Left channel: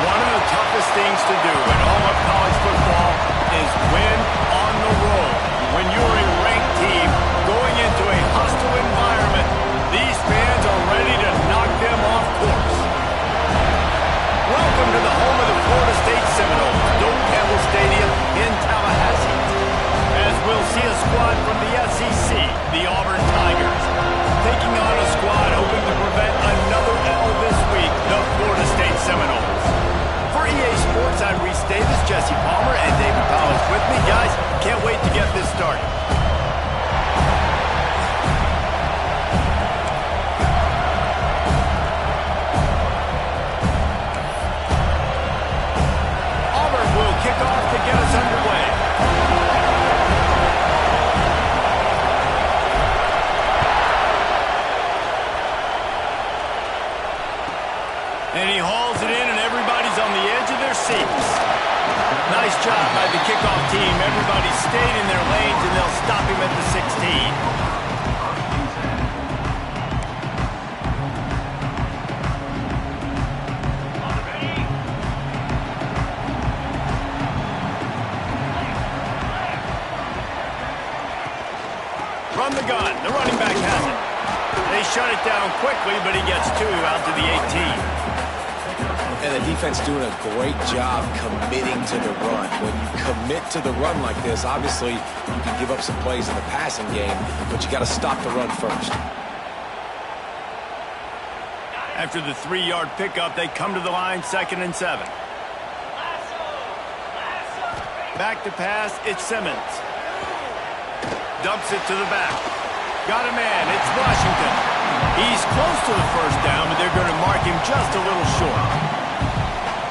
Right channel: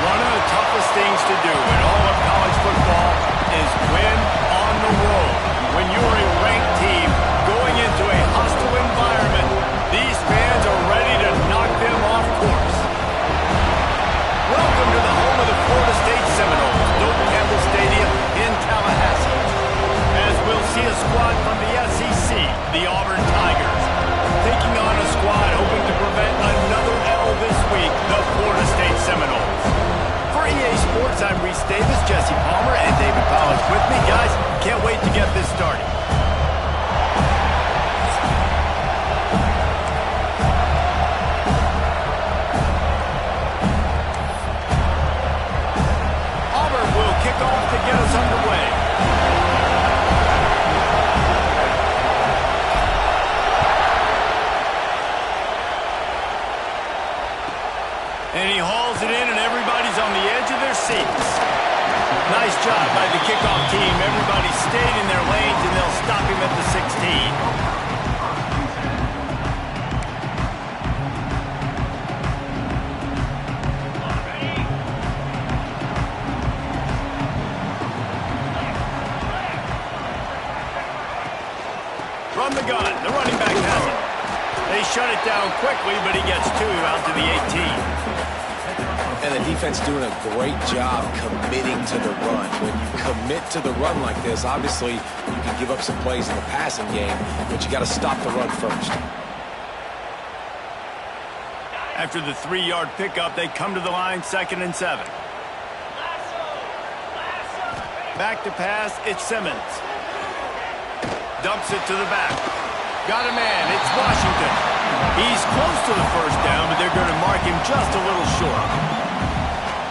One of the toughest things to do in all of college football is win on the road. When you're a ranked team going into a hostile environment, these fans are ready to knock them off course. Welcome to the home of the Florida State Seminoles, Doak Campbell Stadium in Tallahassee. As we'll see a squad from the SEC, the Auburn Tigers, taking on a squad hoping to prevent another L this week, the Florida State Seminoles. For EA Sports, I'm Reese Davis, Jesse Palmer, and David Powers with me. Guys, can't wait to get this started. Auburn will kick off to get us underway. And he hauls it in, and everybody's on the edge of their seats. Nice job by the kickoff team. Everybody stayed in their lanes, and they'll stop him at the 16. From the gun, the running back has it. They shut it down quickly, but he gets two out to the 18. And the defense doing a great job committing to the run. When you commit to the run like this, obviously you can give up some plays in the passing game, but you got to stop the run first. After the 3-yard pickup, they come to the line, 2nd and 7. Back to pass, it's Simmons. Dumps it to the back. Got a man, it's Washington. He's close to the first down, but they're going to mark him just a little short.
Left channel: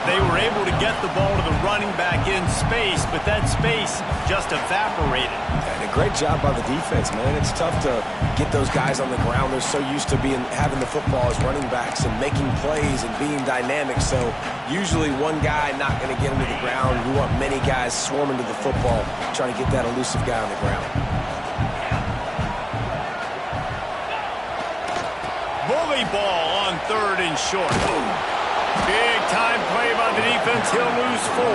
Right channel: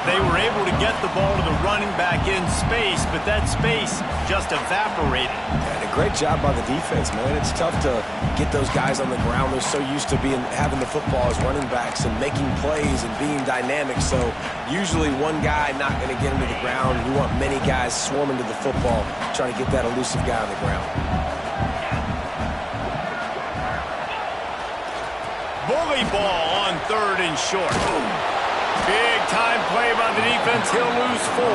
They were able to get the ball to the running back in space, but that space just evaporated. And a great job by the defense, man. It's tough to get those guys on the ground. They're so used to having the football as running backs and making plays and being dynamic. So usually one guy not going to get him to the ground. You want many guys swarming to the football, trying to get that elusive guy on the ground. Bully ball on 3rd and short. Big time play by the defense. He'll lose 4.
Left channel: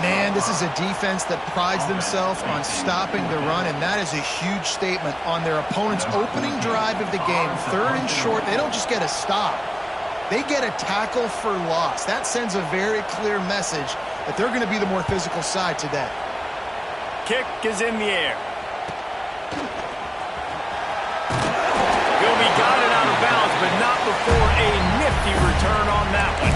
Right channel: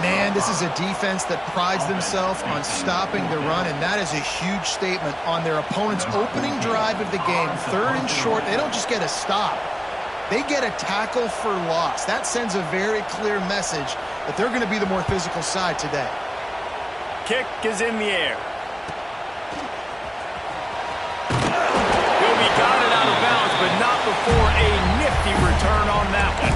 Man, this is a defense that prides themselves on stopping the run, and that is a huge statement on their opponent's opening drive of the game. 3rd and short, they don't just get a stop. They get a tackle for loss. That sends a very clear message that they're going to be the more physical side today. Kick is in the air. He got it out of bounds, but not before a nifty return on that one.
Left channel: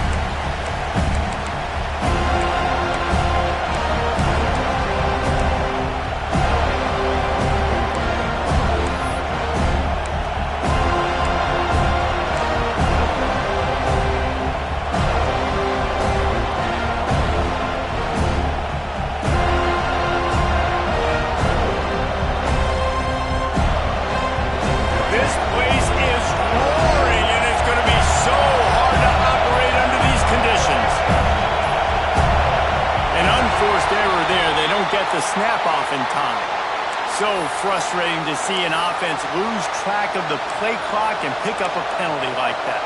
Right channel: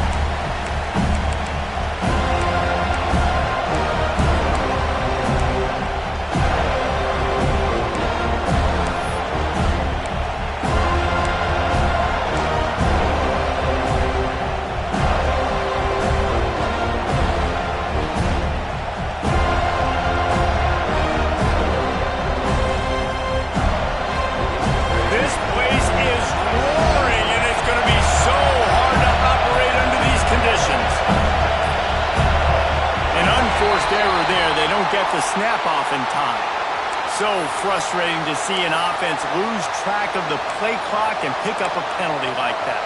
This place is roaring, and it's going to be so hard to operate under these conditions. An unforced error there. They don't get the snap off in time. So frustrating to see an offense lose track of the play clock and pick up a penalty like that.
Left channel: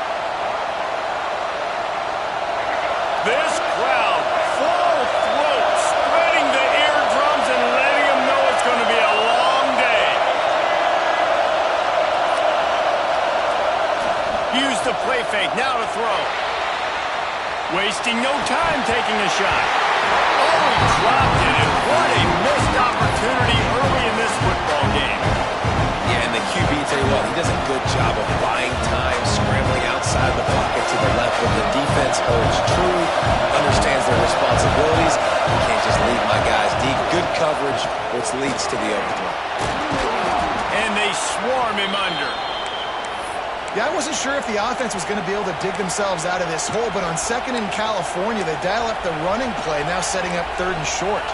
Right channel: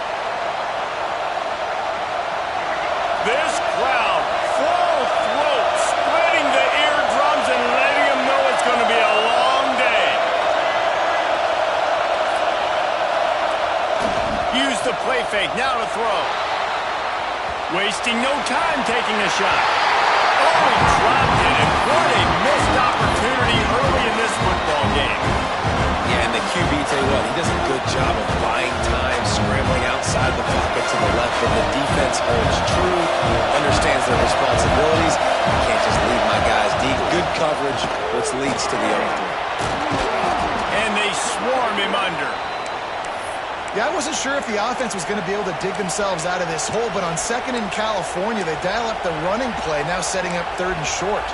This crowd, full throat, spreading the eardrums and letting them know it's going to be a long day. Use the play fake, now to throw. Wasting no time taking a shot. Oh, he dropped it, and what a missed opportunity early in this football game. Yeah, and the QB, tell you what, he does a good job of buying time, scrambling outside the pocket to the left, but the defense holds true, understands their responsibilities. You can't just leave my guys deep. Good coverage, which leads to the overthrow. And they swarm him under. Yeah, I wasn't sure if the offense was going to be able to dig themselves out of this hole, but on 2nd in California, they dial up the running play, now setting up 3rd and short.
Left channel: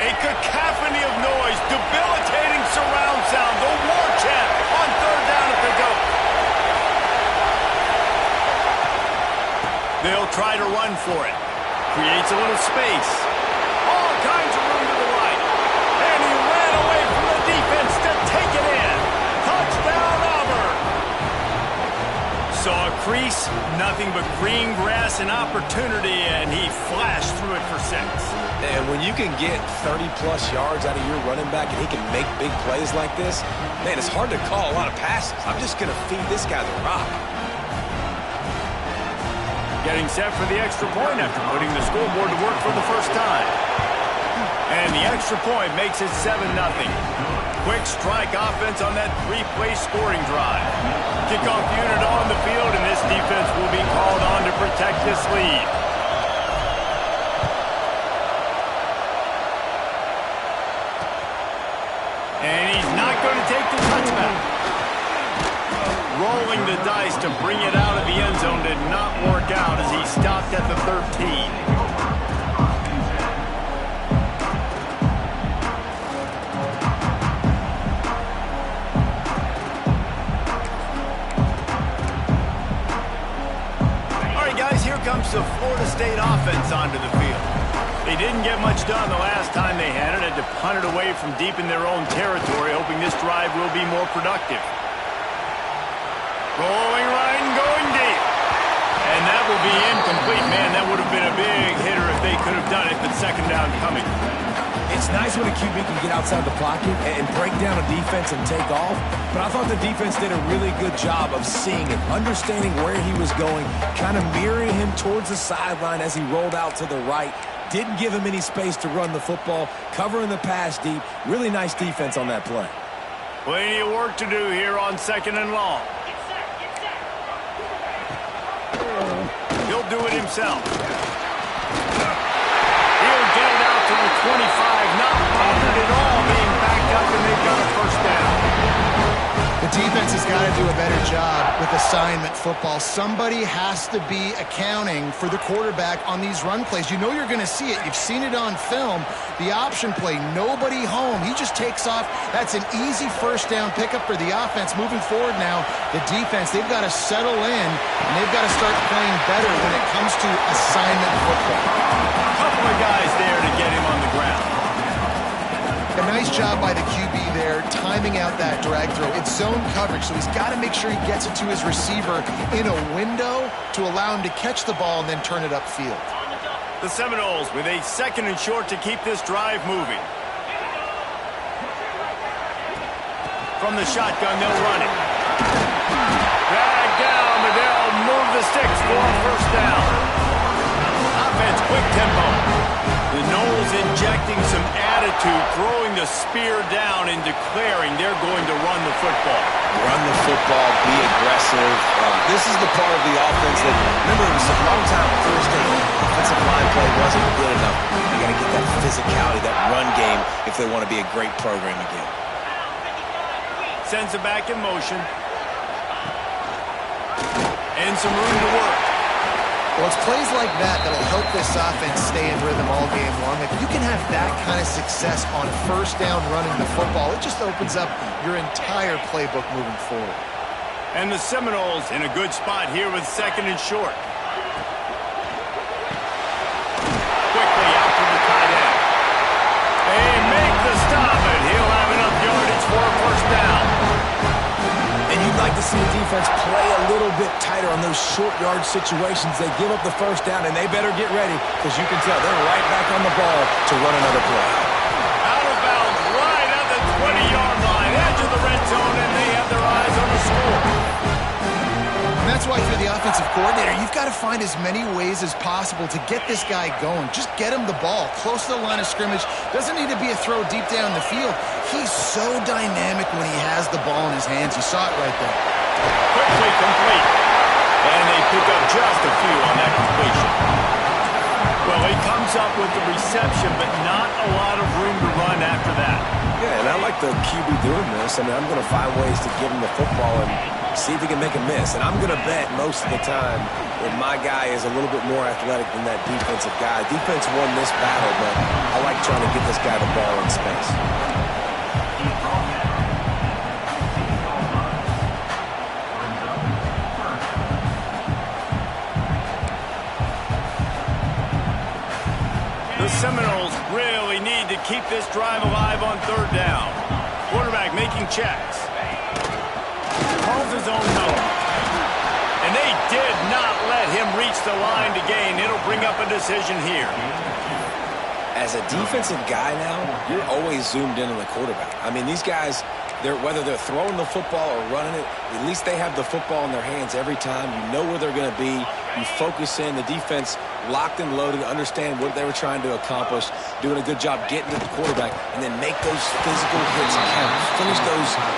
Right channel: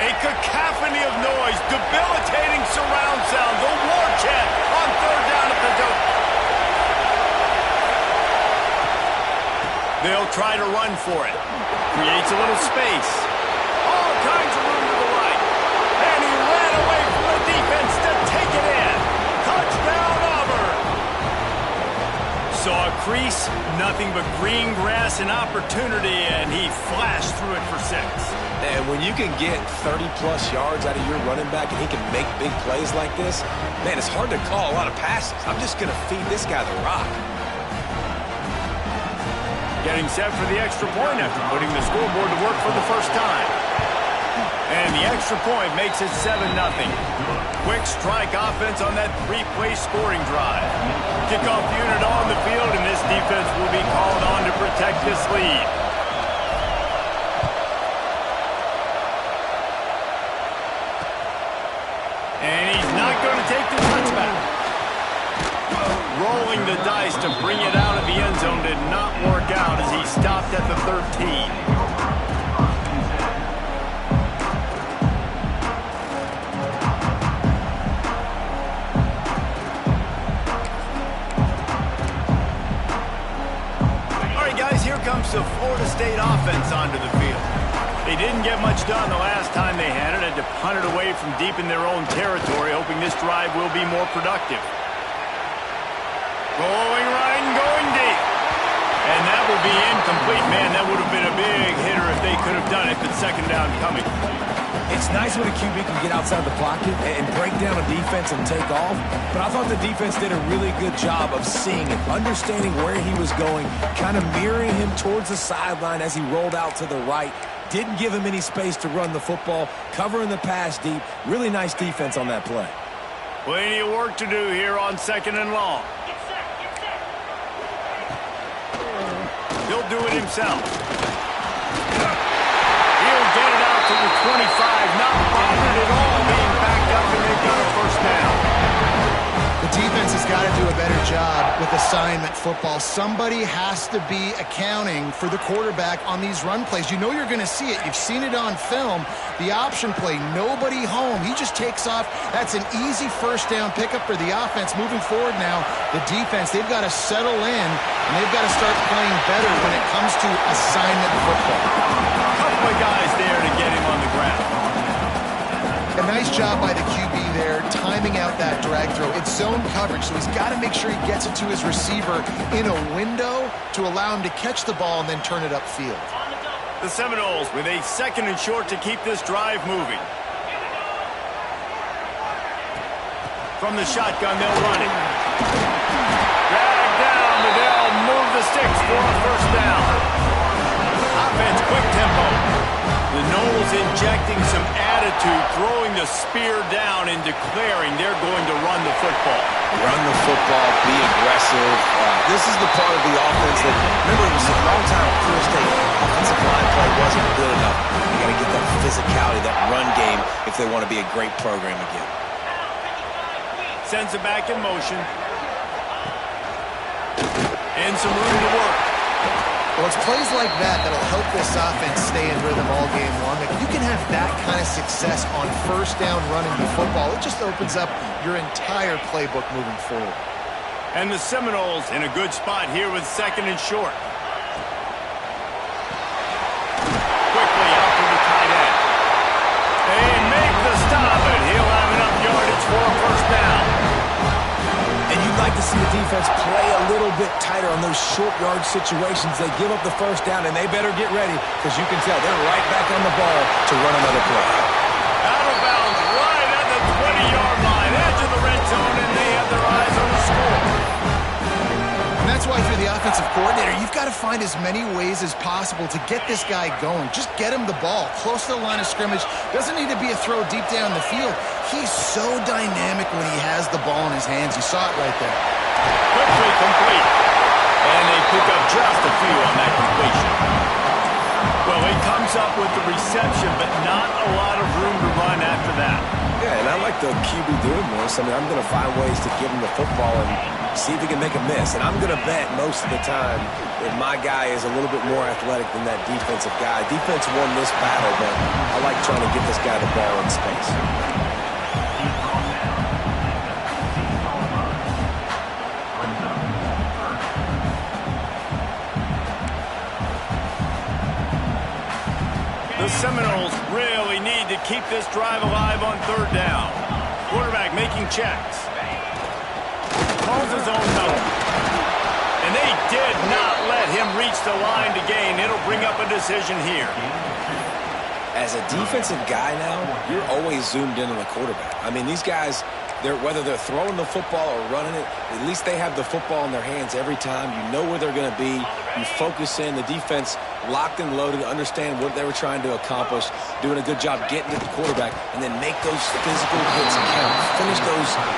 A cacophony of noise, debilitating surround sound, the war chant on 3rd down at the Doak. They'll try to run for it. Creates a little space. All kinds of room to the right. And he defense to take it in. Touchdown, Auburn. Saw a crease, nothing but green grass and opportunity, and he flashed through it for 6. And when you can get 30-plus yards out of your running back and he can make big plays like this, man, it's hard to call a lot of passes. I'm just going to feed this guy the rock. Getting set for the extra point after putting the scoreboard to work for the first time. And the extra point makes it 7-0. Quick strike offense on that 3-play scoring drive. Kickoff unit on the field, and this defense will be called on to protect this lead. And he's not going to take the touchback. Rolling the dice to bring it out of the end zone did not work out as he stopped at the 13. Here comes the Florida State offense onto the field. They didn't get much done the last time they had it. Had to punt it away from deep in their own territory, hoping this drive will be more productive. Rolling right and going deep. And that will be incomplete. Man, that would have been a big hitter if they could have done it, but second down coming. It's nice when a QB can get outside the pocket and break down a defense and take off, but I thought the defense did a really good job of seeing it, understanding where he was going, kind of mirroring him towards the sideline as he rolled out to the right. Didn't give him any space to run the football, covering the pass deep. Really nice defense on that play. Plenty of work to do here on 2nd and long. He'll do it himself. He'll get it out to the 25, not bothered at all being backed up, and they've got a first down. The defense has got to do a better job with assignment football. Somebody has to be accounting for the quarterback on these run plays. You know you're going to see it. You've seen it on film. The option play, nobody home. He just takes off. That's an easy first down pickup for the offense. Moving forward now, the defense, they've got to settle in, and they've got to start playing better when it comes to assignment football. Couple of guys there to get him on the ground. A nice job by the QB there, timing out that drag throw. It's zone coverage, so he's got to make sure he gets it to his receiver in a window to allow him to catch the ball and then turn it upfield. The Seminoles with a 2nd and short to keep this drive moving. From the shotgun, they'll run it. Drag down, but they'll move the sticks for a first down. Offense, quick tempo. The Noles injecting some attitude, throwing the spear down and declaring they're going to run the football. Run the football, be aggressive. This is the part of the offense that, remember, it was a long time for Florida State. Offensive line play wasn't good enough. They got to get that physicality, that run game, if they want to be a great program again. Sends it back in motion. And some room to work. Well, it's plays like that that'll help this offense stay in rhythm all game long. If you can have that kind of success on first down running the football, it just opens up your entire playbook moving forward. And the Seminoles in a good spot here with 2nd and short. Quickly out to the tight end. They make the stop, and he'll have enough yardage for a first down. And you'd like to see the defense play a little bit tighter on those short yard situations. They give up the first down, and they better get ready because you can tell they're right back on the ball to run another play. Out of bounds, right at the 20-yard line, edge of the red zone, and they have their eyes on the score. And that's why if you're the offensive coordinator, you've got to find as many ways as possible to get this guy going. Just get him the ball close to the line of scrimmage. Doesn't need to be a throw deep down the field. He's so dynamic when he has the ball in his hands. You saw it right there. Quickly complete. And they pick up just a few on that completion. Well, he comes up with the reception, but not a lot of room to run after that. Yeah, and I like the QB doing this. I mean, I'm going to find ways to give him the football and see if he can make a miss. And I'm going to bet most of the time that my guy is a little bit more athletic than that defensive guy. Defense won this battle, but I like trying to get this guy the ball in space. The Seminoles really need to keep this drive alive on 3rd down. Quarterback making checks. Calls his own number. And they did not let him reach the line to gain. It'll bring up a decision here. As a defensive guy now, you're always zoomed in on the quarterback. I mean, these guys, whether they're throwing the football or running it, at least they have the football in their hands every time. You know where they're going to be. You focus in. The defense locked and loaded, understand what they were trying to accomplish, doing a good job getting to the quarterback, and then make those physical hits count.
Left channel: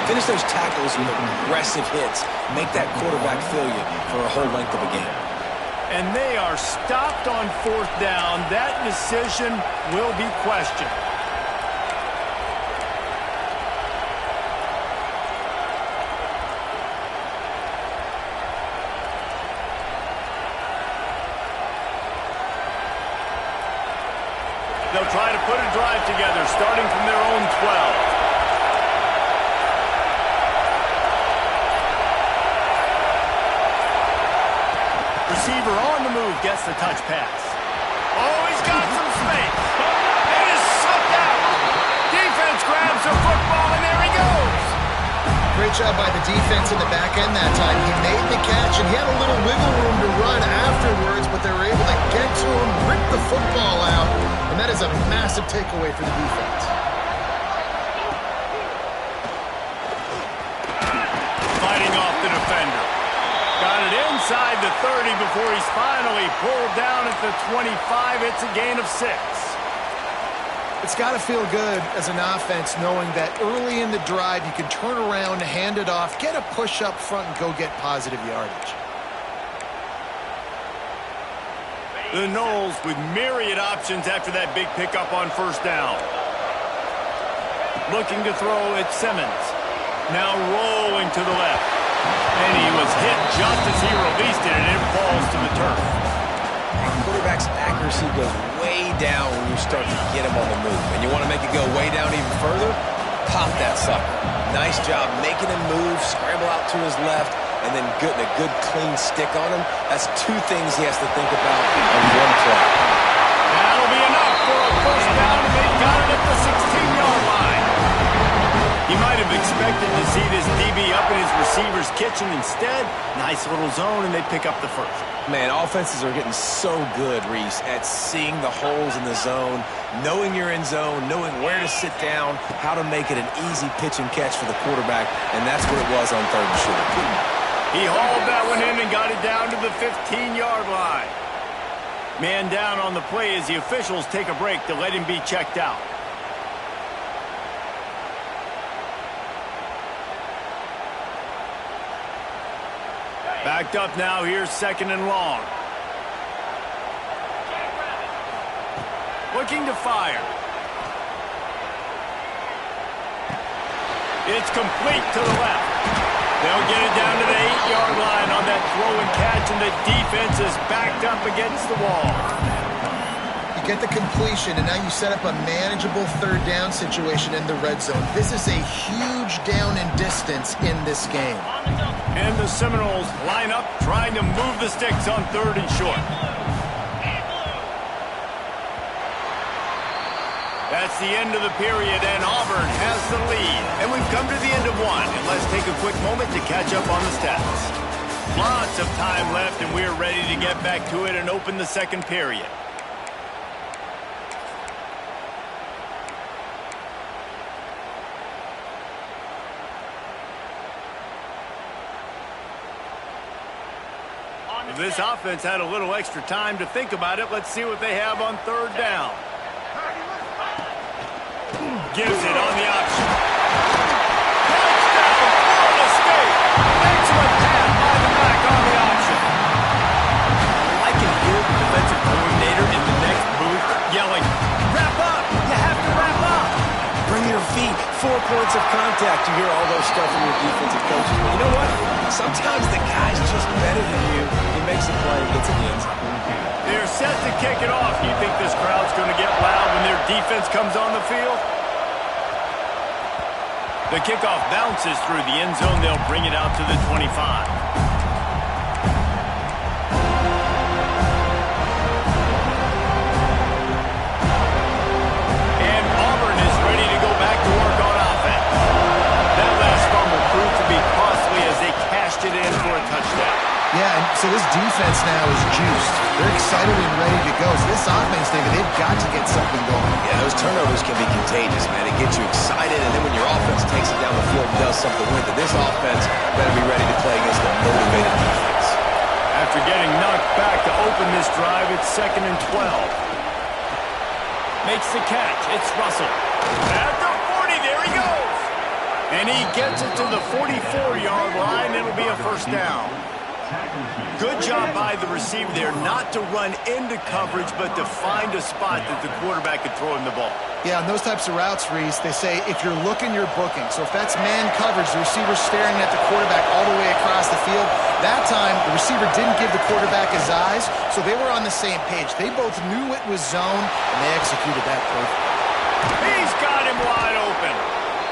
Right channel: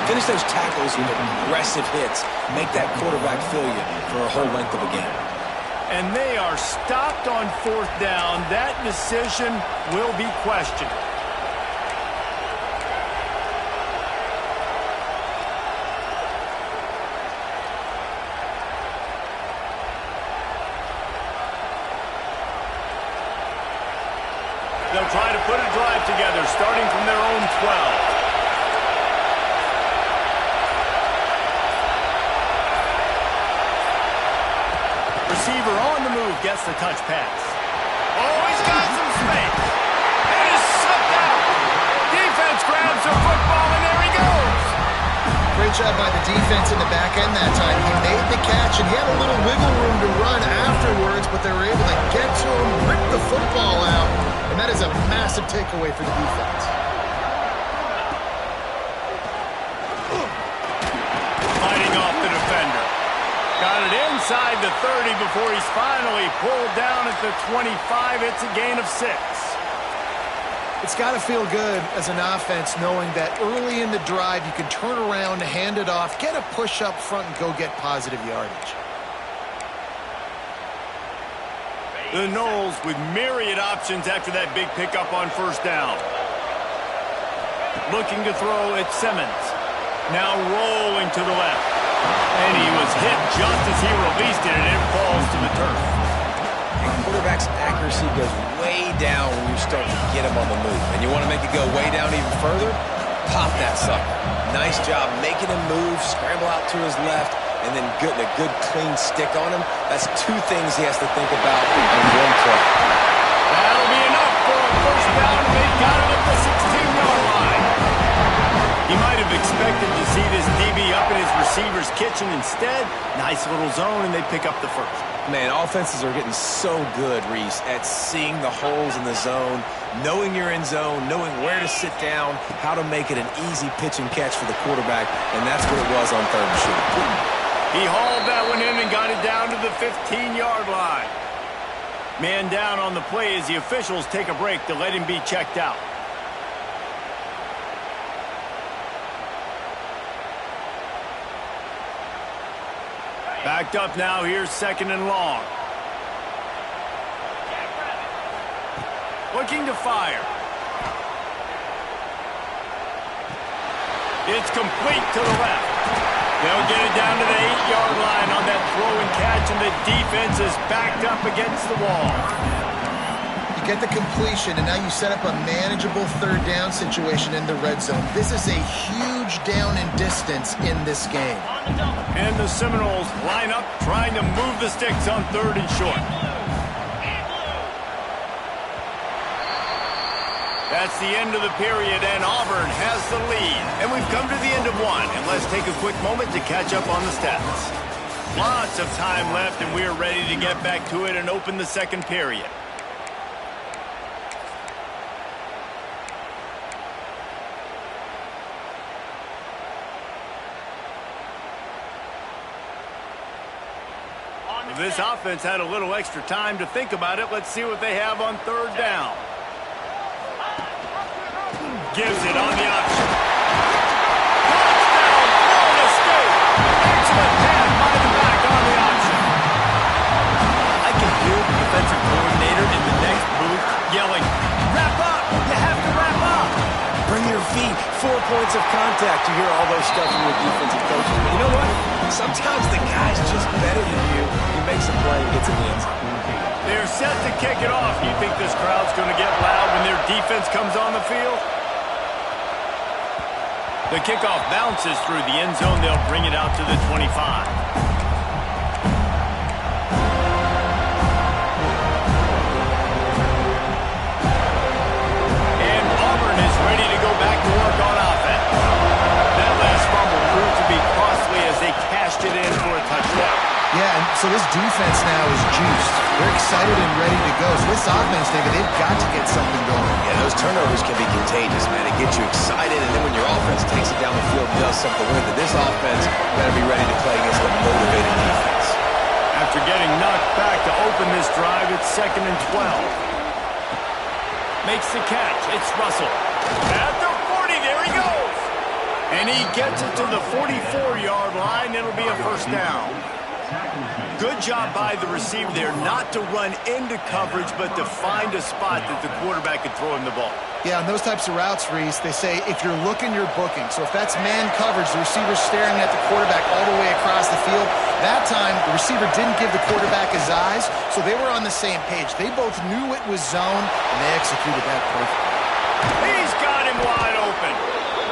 Finish those tackles with aggressive hits. Make that quarterback feel you for a whole length of a game. And they are stopped on fourth down. That decision will be questioned. They'll try to put a drive together, starting from their own 12. Receiver on the move gets the touch pass. Oh, he's got some space. And is sucked out. Defense grabs the football, and there he goes. Great job by the defense in the back end that time. He made the catch, and he had a little wiggle room to run afterwards, but they were able to get to him, rip the football out, and that is a massive takeaway for the defense. Fighting off the defender. Got it inside the 30 before he's finally pulled down at the 25. It's a gain of 6. It's got to feel good as an offense knowing that early in the drive you can turn around, hand it off, get a push up front, and go get positive yardage. The Knowles with myriad options after that big pickup on first down. Looking to throw at Simmons. Now rolling to the left. And he was hit just as he released it, and it falls to the turf. And quarterback's accuracy goes way down when you start to get him on the move. And you want to make it go way down even further? Pop that sucker. Nice job making him move, scramble out to his left, and then getting a good clean stick on him. That's 2 things he has to think about on one play. That'll be enough for a first down, and they've got it at the 16-yard line. He might have expected to see this DB up in his receiver's kitchen. Instead, nice little zone, and they pick up the first. Man, offenses are getting so good, Reese, at seeing the holes in the zone, knowing you're in zone, knowing where to sit down, how to make it an easy pitch and catch for the quarterback, and that's what it was on third and short. He hauled that one in and got it down to the 15-yard line. Man down on the play as the officials take a break to let him be checked out. Backed up now, here's 2nd and long. Looking to fire. It's complete to the left. They'll get it down to the 8-yard line on that throw and catch, and the defense is backed up against the wall. You get the completion, and now you set up a manageable third down situation in the red zone. This is a huge down in distance in this game. And the Seminoles line up trying to move the sticks on 3rd and short. That's the end of the period, and Auburn has the lead. And we've come to the end of one, and let's take a quick moment to catch up on the stats. Lots of time left, and we're ready to get back to it and open the 2nd period. This offense had a little extra time to think about it. Let's see what they have on 3rd down. Gives it on the option. Touchdown, Florida State. Excellent pass by the back on the option. I can hear the defensive coordinator in the next booth yelling, "Wrap up! You have to wrap up!" Bring your feet. 4 points of contact. You hear all those stuff from your defensive coaches. But you know what? Sometimes the guy's just better than you. He makes a play and gets in the end zone. They're set to kick it off. You think this crowd's going to get loud when their defense comes on the field? The kickoff bounces through the end zone. They'll bring it out to the 25. And Auburn is ready to go back to work on offense. cashed it in for a touchdown. Yeah, and so this defense now is juiced. They're excited and ready to go. So this offense, David, they've got to get something going. Yeah, those turnovers can be contagious, man. It gets you excited, and then when your offense takes it down the field and does something with it, this offense better be ready to play against a motivated defense. After getting knocked back to open this drive, it's 2nd and 12. Makes the catch. It's Russell. At the 40, there he goes. And he gets it to the 44-yard line. It'll be a first down. Good job by the receiver there not to run into coverage, but to find a spot that the quarterback could throw him the ball. Yeah, on those types of routes, Reese, they say if you're looking, you're booking. So if that's man coverage, the receiver's staring at the quarterback all the way across the field. That time, the receiver didn't give the quarterback his eyes, so they were on the same page. They both knew it was zone, and they executed that perfectly. He's got him wide open.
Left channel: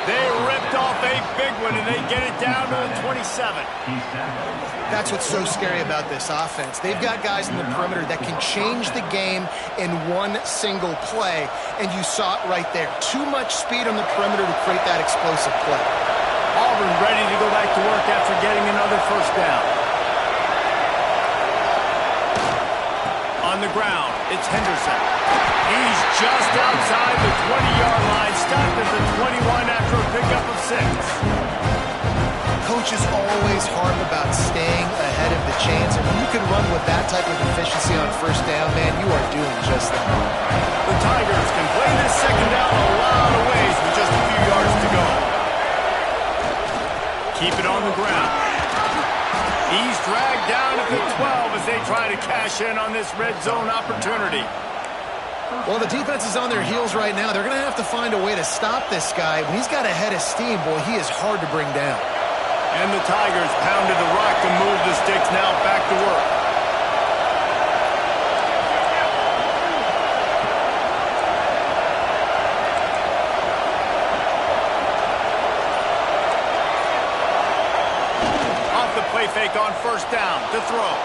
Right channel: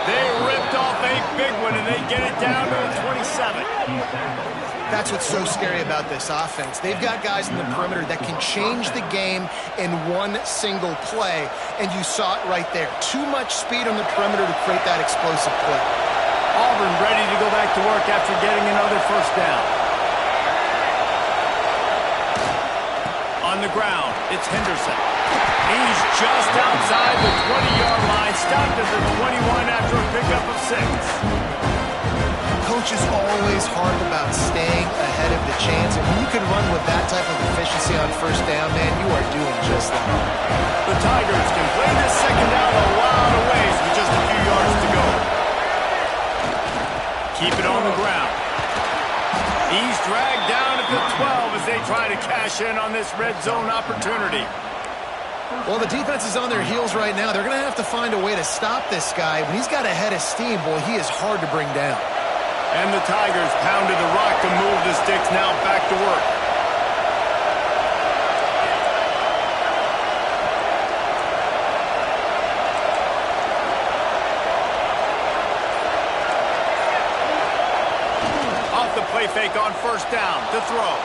They ripped off a big one, and they get it down to the 27. That's what's so scary about this offense. They've got guys in the perimeter that can change the game in one single play, and you saw it right there. Too much speed on the perimeter to create that explosive play. Auburn ready to go back to work after getting another first down. On the ground, it's Henderson. He's just outside the 20-yard line, stopped at the 21 after a pickup of 6. Coaches always harp about staying ahead of the chance, and when you can run with that type of efficiency on first down, man, you are doing just that. The Tigers can play this second down a lot of ways with just a few yards to go. Keep it on the ground. He's dragged down at the 12 as they try to cash in on this red zone opportunity. Well, the defense is on their heels right now. They're going to have to find a way to stop this guy. When he's got a head of steam, boy, he is hard to bring down. And the Tigers pounded the rock to move the sticks, now back to work. Off the play fake on first down to throw.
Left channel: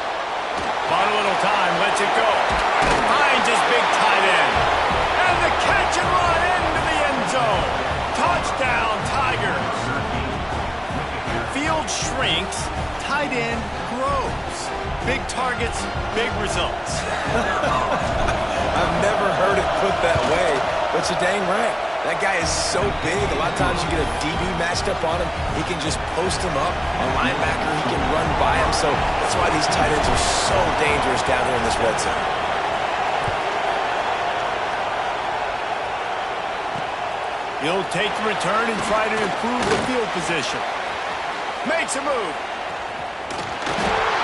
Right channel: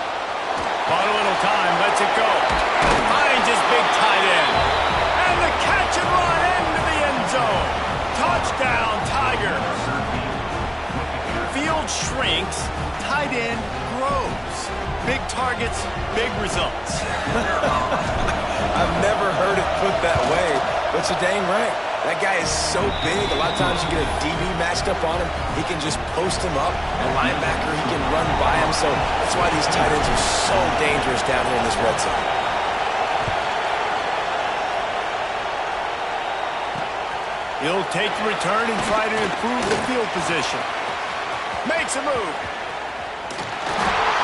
Bought a little time, lets it go. Finds his big tight end. And the catch and run into the end zone. Touchdown, Tigers. Field shrinks, tight end grows. Big targets, big results. I've never heard it put that way, but you're dang right. That guy is so big, a lot of times you get a DB matched up on him. He can just post him up. A linebacker, he can run by him. So that's why these tight ends are so dangerous down here in this red zone. He'll take the return and try to improve the field position. Makes a move.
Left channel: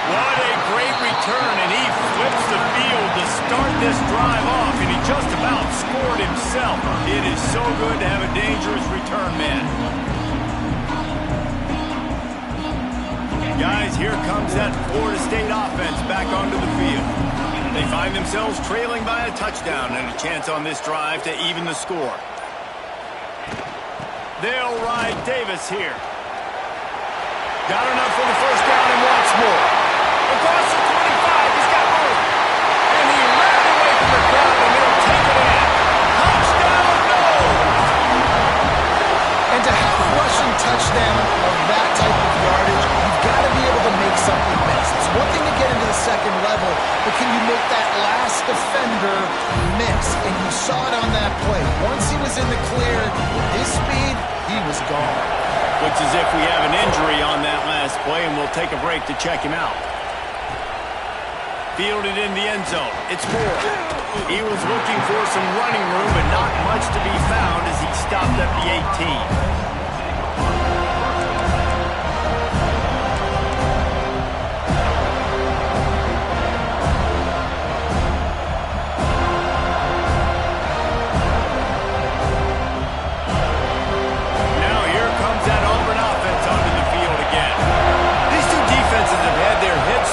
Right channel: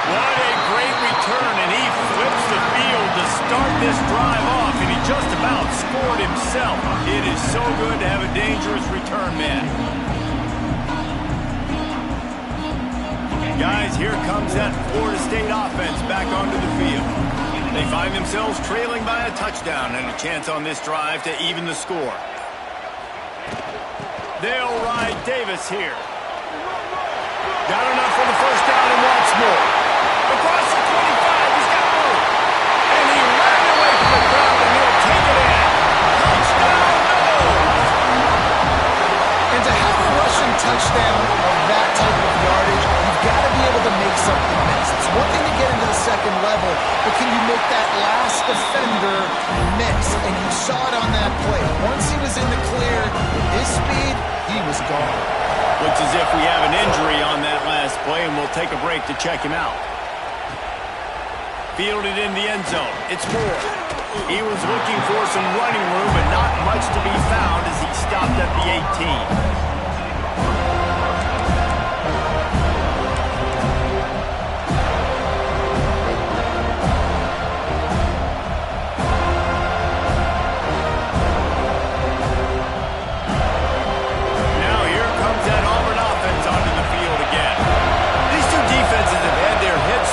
What a great return, and he flips the field to start this drive off, and he just about scored himself. It is so good to have a dangerous return man. Guys, here comes that Florida State offense back onto the field. They find themselves trailing by a touchdown and a chance on this drive to even the score. They'll ride Davis here. Got enough for the first down and wants more. Across the 25, he's got room. And he ran away from the crowd, and he'll take it in. Touchdown, no! And to have a rushing touchdown of that type of yardage, you've got to be able to make something miss. It's one thing to get into the second level, but can you make that last defender miss? And you saw it on that play. Once he was in the clear, with his speed, he was gone. Looks as if we have an injury on that last play, and we'll take a break to check him out. Fielded in the end zone. It's Moore. He was looking for some running room, but not much to be found as he stopped at the 18.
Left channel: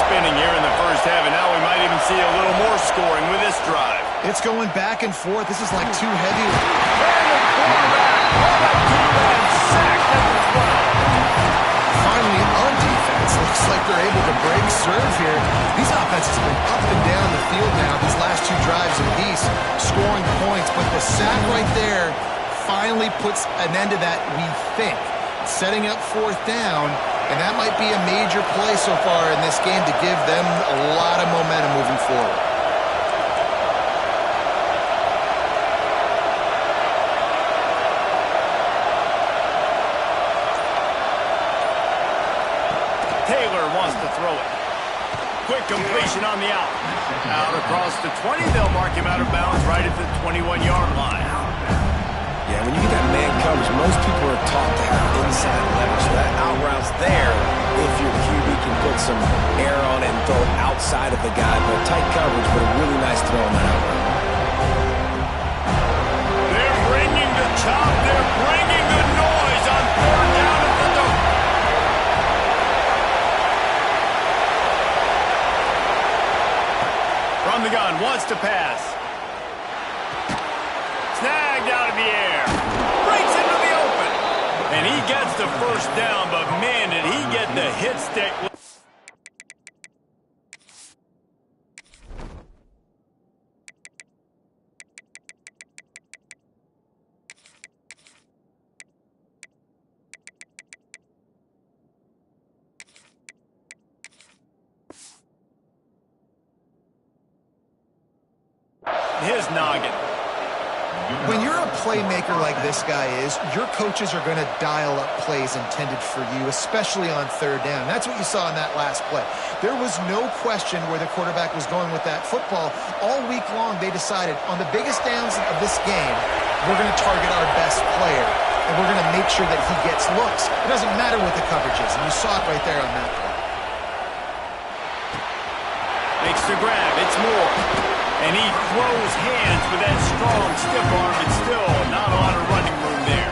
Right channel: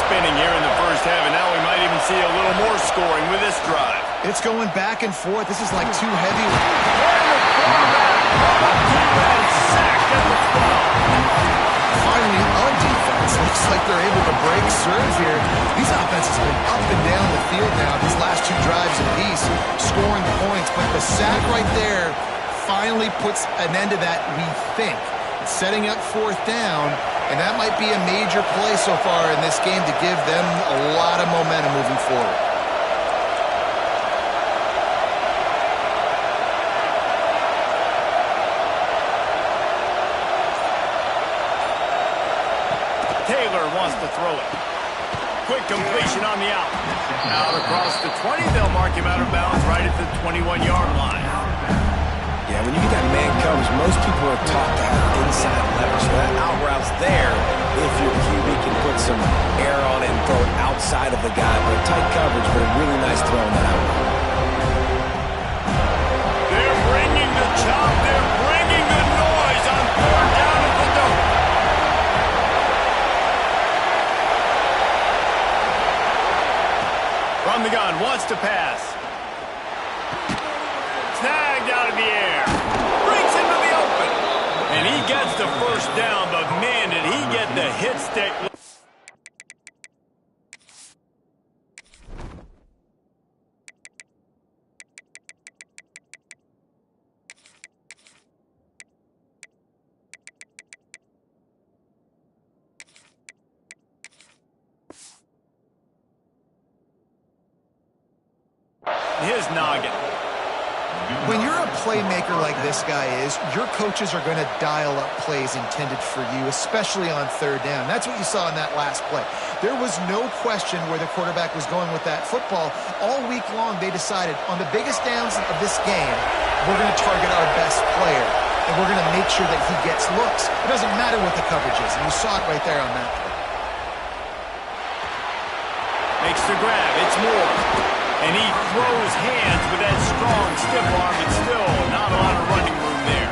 Spinning here in the first half, and now we might even see a little more scoring with this drive. It's going back and forth. This is like too heavy. And the quarterback called up to and sacked at the 12. Finally, on defense, looks like they're able to break serve here. These offenses have been up and down the field now, these last two drives apiece, scoring points. But the sack right there finally puts an end to that, we think. Setting up fourth down, And that might be a major play so far in this game to give them a lot of momentum moving forward. Taylor wants to throw it. Quick completion on the out. Out across the 20. They'll mark him out of bounds right at the 21-yard line. Yeah, when you get that man coverage, most people are taught to have inside leverage. So that out route's there if your QB can put some air on it and throw it outside of the guy. But tight coverage, but a really nice throw on that out route. They're bringing the chop. They're bringing the noise on third down at the dope. From the gun, wants to pass. Snagged out of the air. Breaks into the open. And he gets the first down, but man, did he get the hit stick. His noggin. When you're a playmaker like this guy is, your coaches are going to dial up plays intended for you, especially on third down. That's what you saw in that last play. There was no question where the quarterback was going with that football. All week long, they decided on the biggest downs of this game, we're going to target our best player, and we're going to make sure that he gets looks. It doesn't matter what the coverage is, and you saw it right there on that play. Makes the grab. It's Moore. And he throws hands with that strong, stiff arm, but still not a lot of running room there.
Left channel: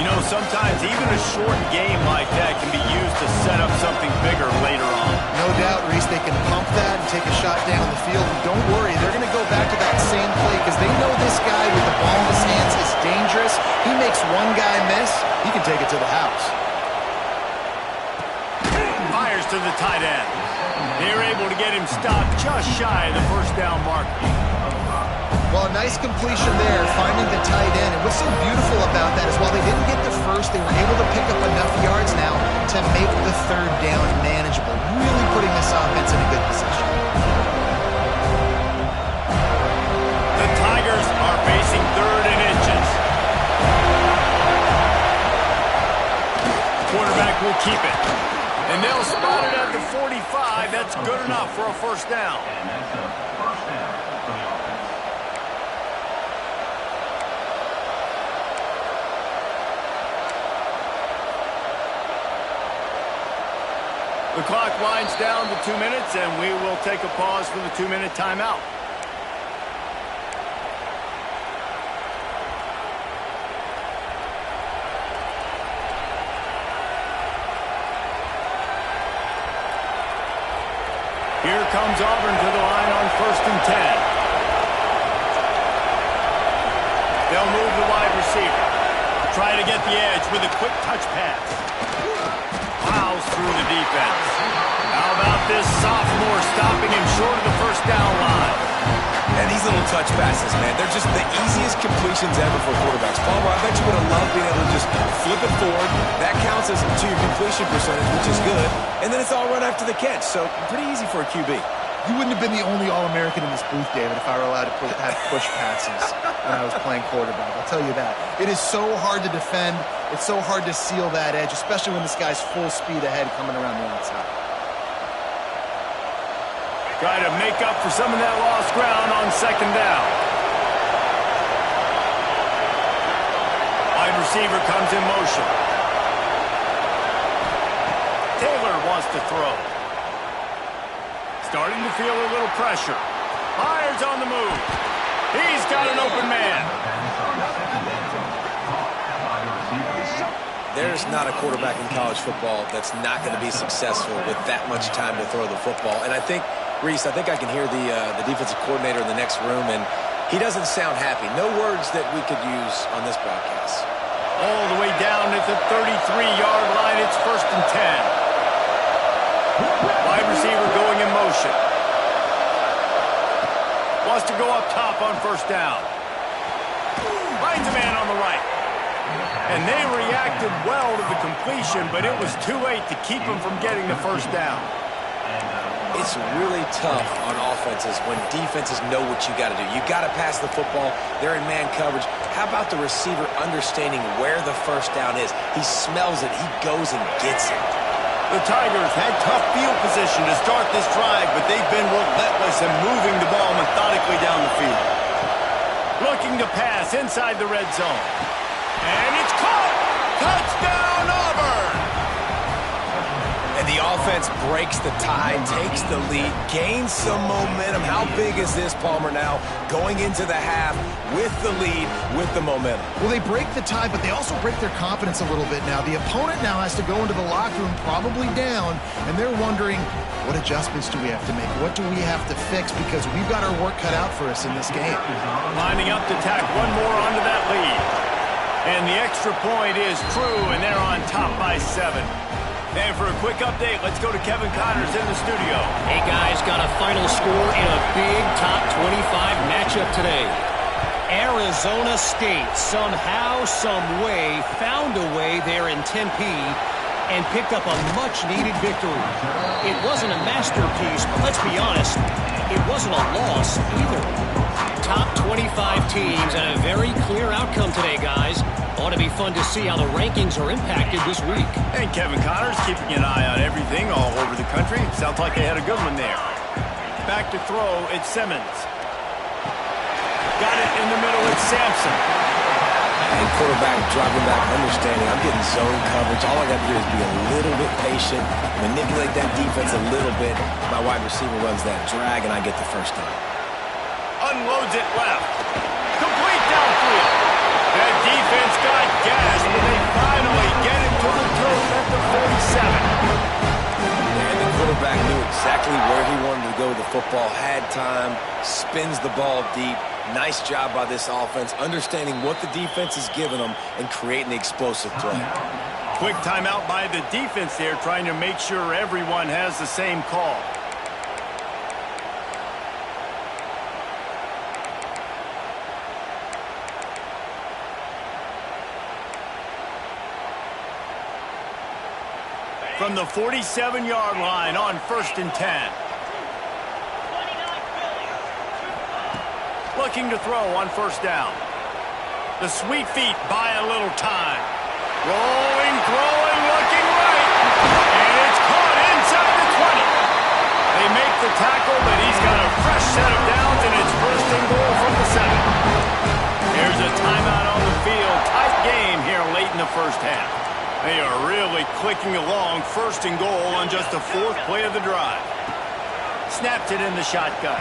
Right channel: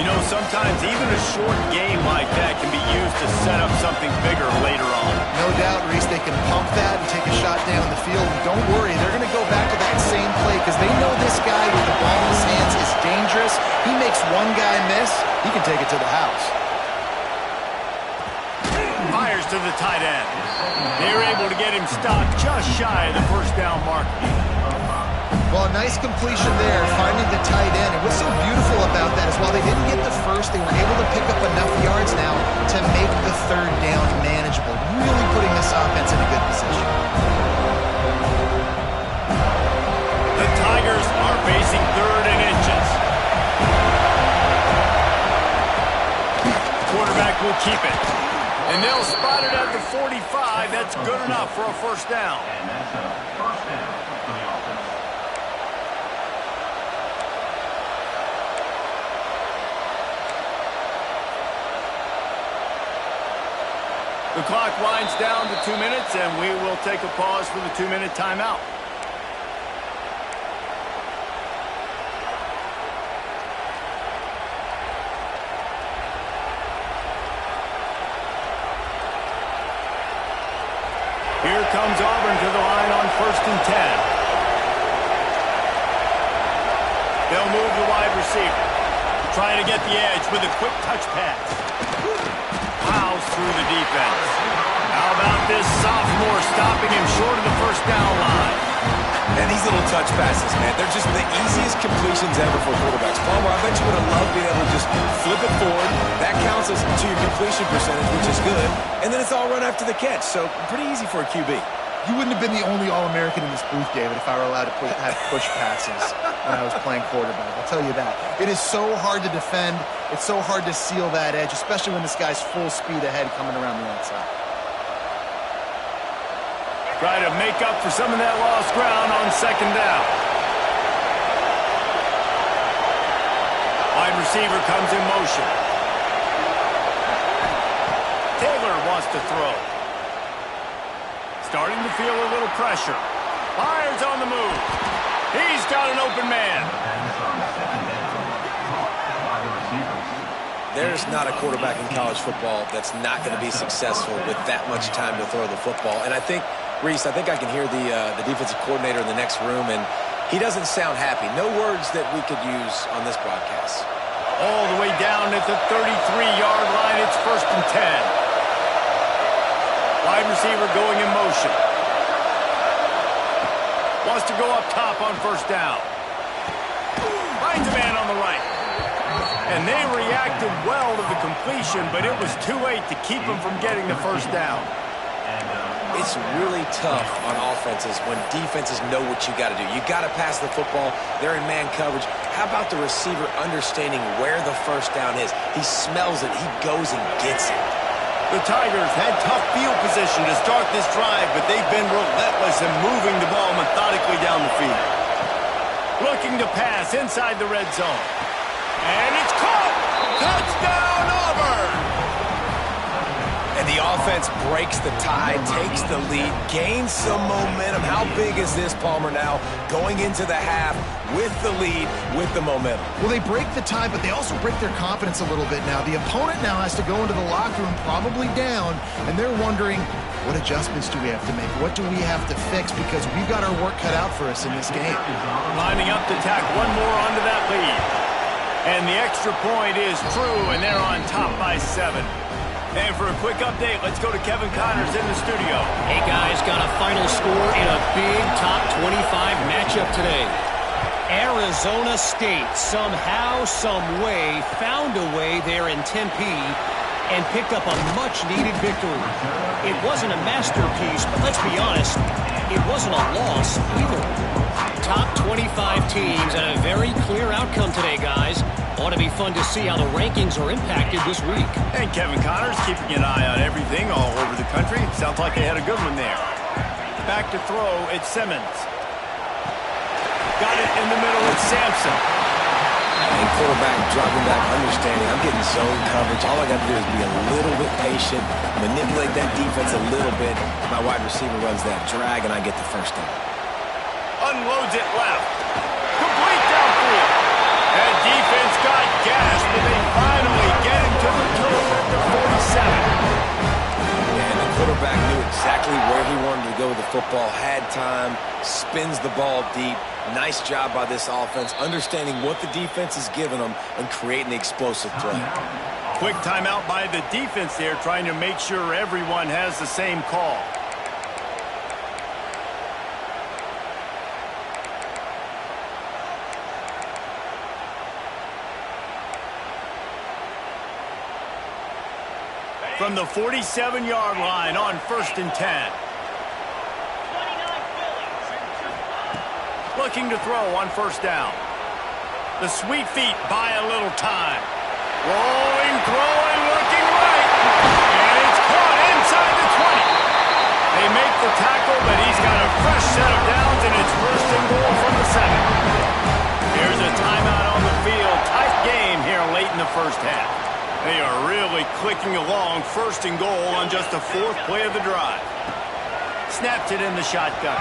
You know, sometimes even a short game like that can be used to set up something bigger later on. No doubt, Reese, they can pump that and take a shot down the field. And don't worry, they're going to go back to that same play because they know this guy with the ball in his hands is dangerous. He makes one guy miss, he can take it to the house. Fires to the tight end. They were able to get him stopped just shy of the first down marker. Well, a nice completion there, finding the tight end. And what's so beautiful about that is while they didn't get the first, they were able to pick up enough yards now to make the third down manageable, really putting this offense in a good position. The Tigers are facing third and inches. Quarterback will keep it. And they'll spot it at the 45. That's good enough for a first down. And that's a first down for the offense. The clock winds down to 2 minutes, and we will take a pause for the 2-minute timeout. Here comes Auburn to the line on 1st and 10. They'll move the wide receiver. Try to get the edge with a quick touch pass. Plows through the defense. How about this sophomore stopping him short of the first down line? And these little touch passes, man, they're just the easiest completions ever for quarterbacks. Palmer, I bet you would have loved being able to just flip it forward. That counts as to your completion percentage, which is good. And then it's all run after the catch, so pretty easy for a QB. You wouldn't have been the only All-American in this booth, David, if I were allowed to have push passes when I was playing quarterback. I'll tell you that. It is so hard to defend. It's so hard to seal that edge, especially when this guy's full speed ahead coming around the outside. Try to make up for some of that lost ground on second down. Wide receiver comes in motion. Taylor wants to throw. Starting to feel a little pressure. Fires on the move. He's got an open man. There's not a quarterback in college football that's not going to be successful with that much time to throw the football. And I think, Reese, I can hear the defensive coordinator in the next room, and he doesn't sound happy. No words that we could use on this broadcast. All the way down at the 33-yard line. It's 1st and 10. Wide receiver going in motion. Wants to go up top on first down. Finds a man on the right. And they reacted well to the completion, but it was too late to keep them from getting the first down. It's really tough on offenses when defenses know what you got to do. You got to pass the football. They're in man coverage. How about the receiver understanding where the first down is? He smells it. He goes and gets it. The Tigers had tough field position to start this drive, but they've been relentless in moving the ball methodically down the field. Looking to pass inside the red zone. And it's caught! Touchdown, Auburn! And the offense breaks the tie, takes the lead, gains some momentum. How big is this, Palmer, now? Going into the half with the lead, with the momentum. Well, they break the tie, but they also break their confidence a little bit now. The opponent now has to go into the locker room probably down, and they're wondering, what adjustments do we have to make? What do we have to fix? Because we've got our work cut out for us in this game. Lining up to tack one more onto that lead. And the extra point is true, and they're on top by 7. And for a quick update, let's go to Kevin Connors in the studio. Hey, guys, got a final score in a big top 25 matchup today. Arizona State somehow, some way, found a way there in Tempe and picked up a much-needed victory. It wasn't a masterpiece, but let's be honest, it wasn't a loss either. Top 25 teams and a very clear outcome today, guys. Ought to be fun to see how the rankings are impacted this week. And Kevin Connors keeping an eye on everything all over the country. Sounds like they had a good one there. Back to throw, it's Simmons. Got it in the middle, it's Sampson. And quarterback dropping back, understanding I'm getting zone coverage. All I got to do is be a little bit patient, manipulate that defense a little bit. My wide receiver runs that drag, and I get the first down. Unloads it left. Complete downfield. That defense got gassed, but they finally get him to the turf at the 47. And the quarterback knew exactly where he wanted to go with the football, had time, spins the ball deep. Nice job by this offense, understanding what the defense is giving them and creating the explosive play. Quick timeout by the defense there, trying to make sure everyone has the same call. From the 47-yard line on 1st and 10. Looking to throw on 1st down. The sweet feet buy a little time. Rolling, throwing, looking right. And it's caught inside the 20. They make the tackle, but he's got a fresh set of downs, and it's 1st and goal from the 7. Here's a timeout on the field. Tight game here late in the first half. They are really clicking along, 1st and goal on just the 4th play of the drive. Snaps it in the shotgun.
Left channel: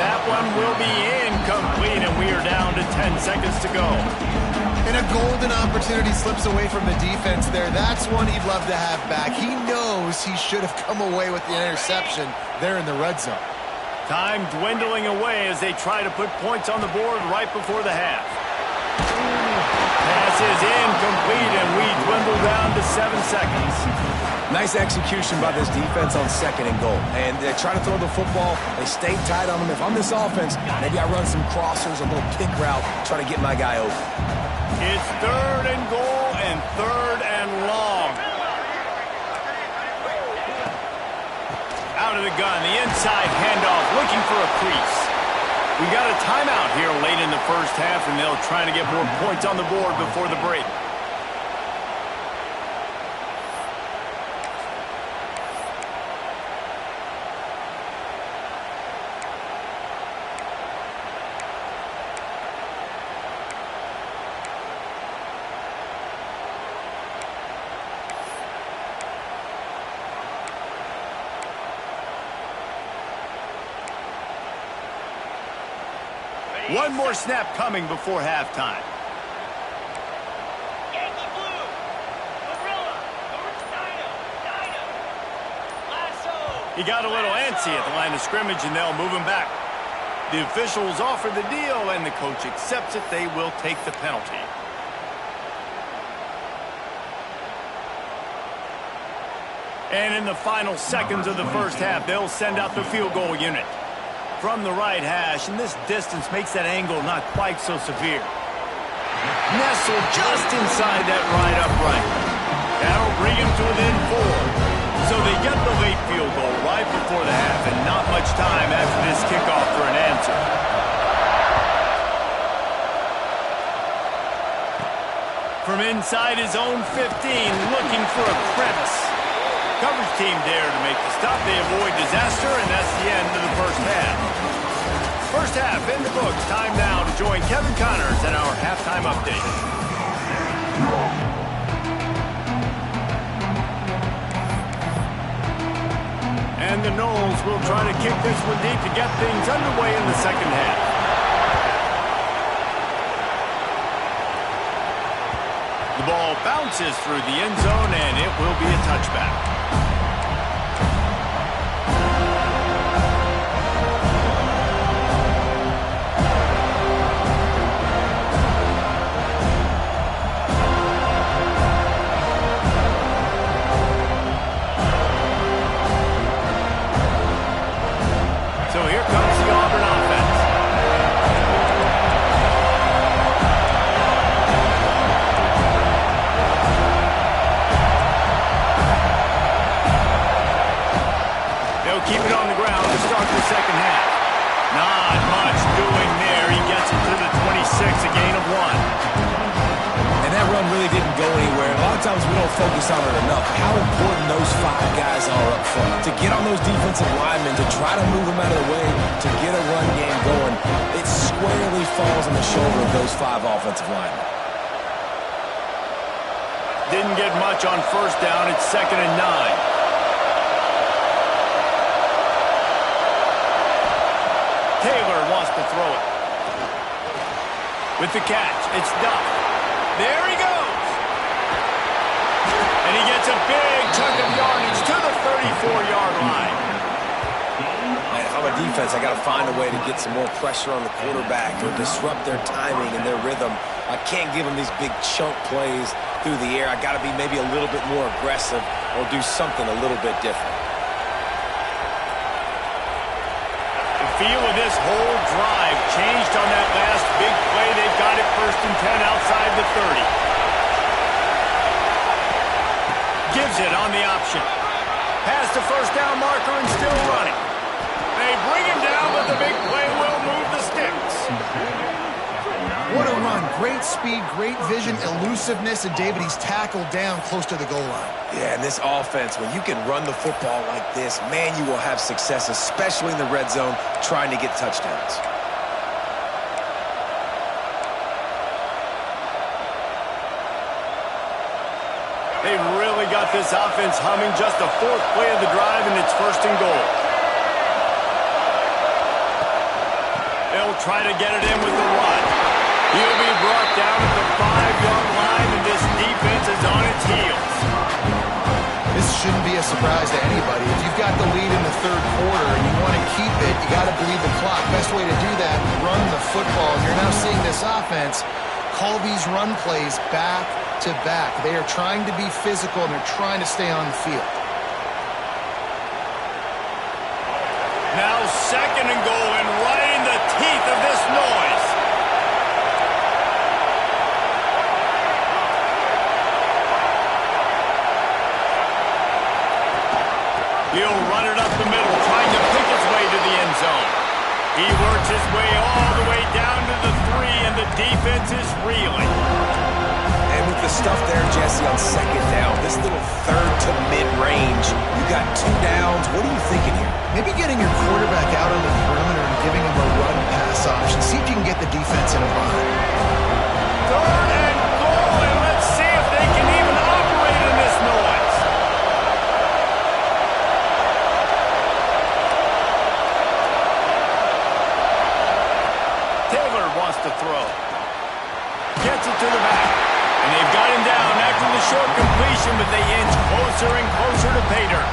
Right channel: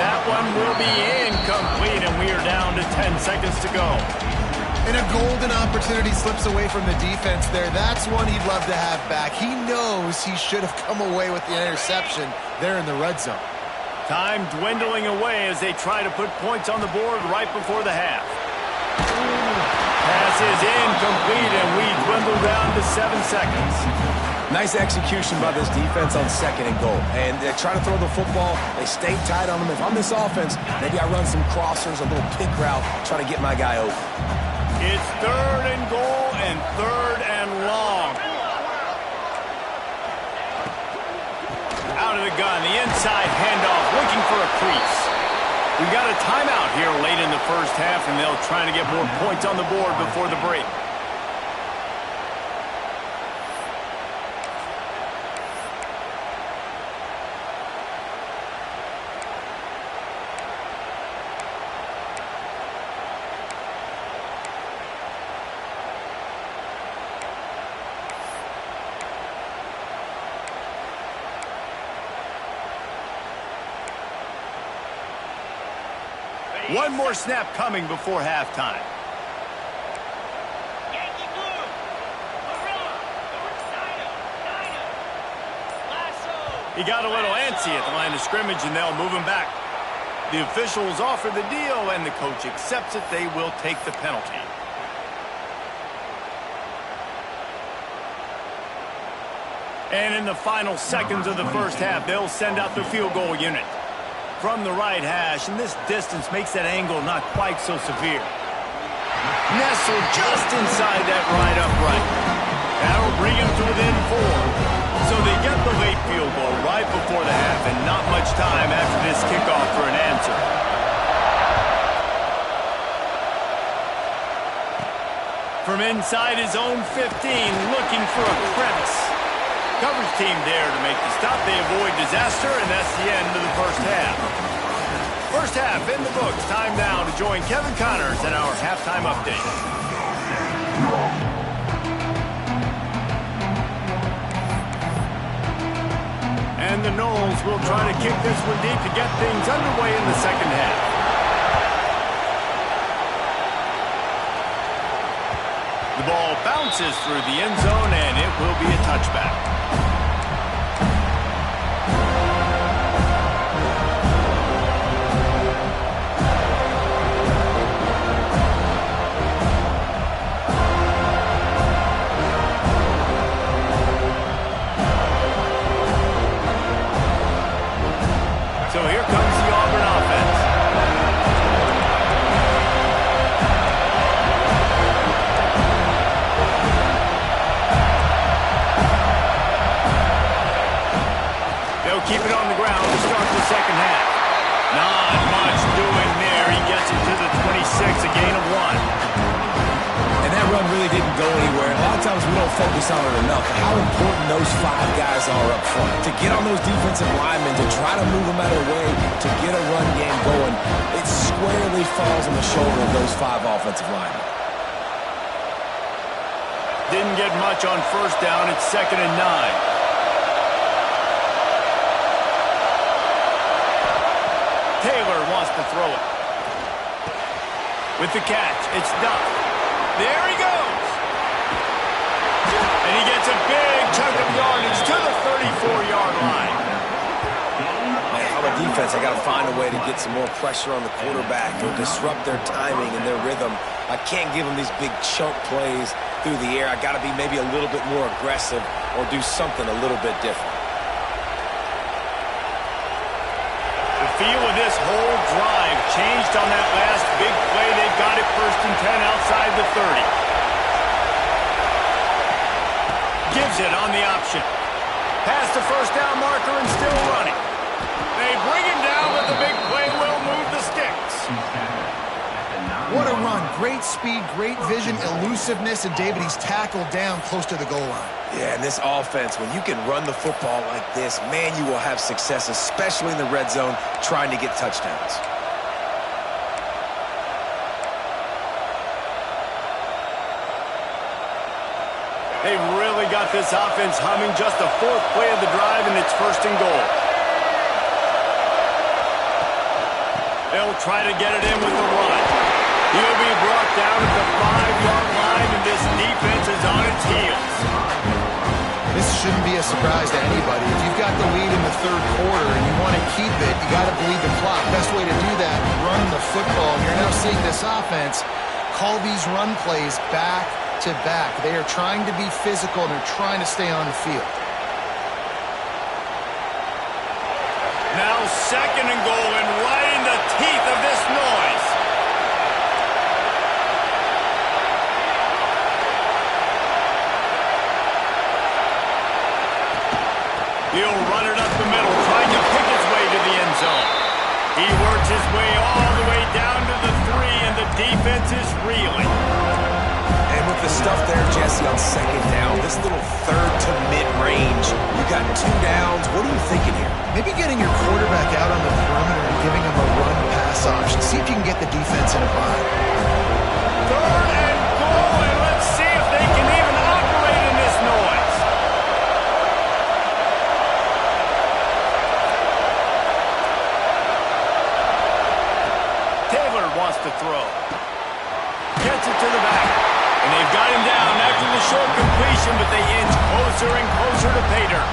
That one will be incomplete, and we are down to 10 seconds to go. And a golden opportunity slips away from the defense there. That's one he'd love to have back. He knows he should have come away with the interception there in the red zone. Time dwindling away as they try to put points on the board right before the half. Pass is incomplete, and we dwindle down to 7 seconds. Nice execution by this defense on 2nd and goal. And they try to throw the football. They stay tight on them. If I'm this offense, maybe I run some crossers, a little pick route, try to get my guy open. It's 3rd and goal and 3rd and long. Out of the gun, the inside handoff, looking for a crease. We got a timeout here late in the first half, and they'll try to get more points on the board before the break. One more snap coming before halftime. Yankee Blue, Gorilla, Dino, Lasso. He got a little antsy at the line of scrimmage, and they'll move him back. The officials offer the deal, and the coach accepts it. They will take the penalty. And in the final seconds of the first half, they'll send out the field goal unit. From the right hash, and this distance makes that angle not quite so severe. Nestled just inside that right upright. That'll bring him to within 4. So they get the late field goal right before the half, and not much time after this kickoff for an answer. From inside his own 15, looking for a crevice. Coverage team there to make the stop. They avoid disaster, and that's the end of the first half. First half in the books. Time now to join Kevin Connors in our halftime update. And the Knowles will try to kick this one deep to get things underway in the second half. The ball bounces through the end zone, and it will be a touchback. So here comes the Auburn offense. They'll keep it on the ground to start the second half. Not much doing there. He gets it to the 26, a gain of 1. And that run really didn't go anywhere. A lot of times we don't focus on it enough. How important those 5 guys are up front. To get on those defensive linemen, to try to move them out of the way, to get a run game going, it squarely falls on the shoulder of those 5 offensive linemen. Didn't get much on first down. It's 2nd and 9. Taylor wants to throw it. With the catch, it's Duff. There he goes. And he gets a big chunk of yardage to the 34-yard line. Man, if I'm a defense, I got to find a way to get some more pressure on the quarterback or disrupt their timing and their rhythm. I can't give them these big chunk plays through the air. I got to be maybe a little bit more aggressive or do something a little bit different. The feel of this whole drive changed on that last big play. They've got it 1st and 10 outside the 30. Gives it on the option. Past the first down marker and still running. They bring him down, but the big play will move the sticks. What a run. Great speed, great vision, elusiveness, and David, he's tackled down close to the goal line. Yeah, and this offense, when you can run the football like this, man, you will have success, especially in the red zone, trying to get touchdowns. They've really got this offense humming. Just the 4th play of the drive, and it's 1st and goal. They'll try to get it in with the run. He'll be brought down at the 5-yard line, and this defense is on its heels. This shouldn't be a surprise to anybody. If you've got the lead in the 3rd quarter and you want to keep it, you got to bleed the clock. Best way to do that, run the football. And you're now seeing this offense call these run plays back to back. They are trying to be physical, and they're trying to stay on the field. Now 2nd and goal, and right in the teeth of this noise. He'll run it up the middle, trying to pick his way to the end zone. He works his way all the way down to the 3, and the defense is reeling. And with the stuff there, Jesse, on 2nd down, this little 3rd to mid-range, you got 2 downs. What are you thinking here? Maybe getting your quarterback out on the perimeter and giving him a run-pass option. See if you can get the defense in a bind. 3rd and goal, and let's see if they can even operate in this noise. Taylor wants to throw. Gets it to the back. And they've got him down after the short completion, but they inch closer and closer to pay dirt.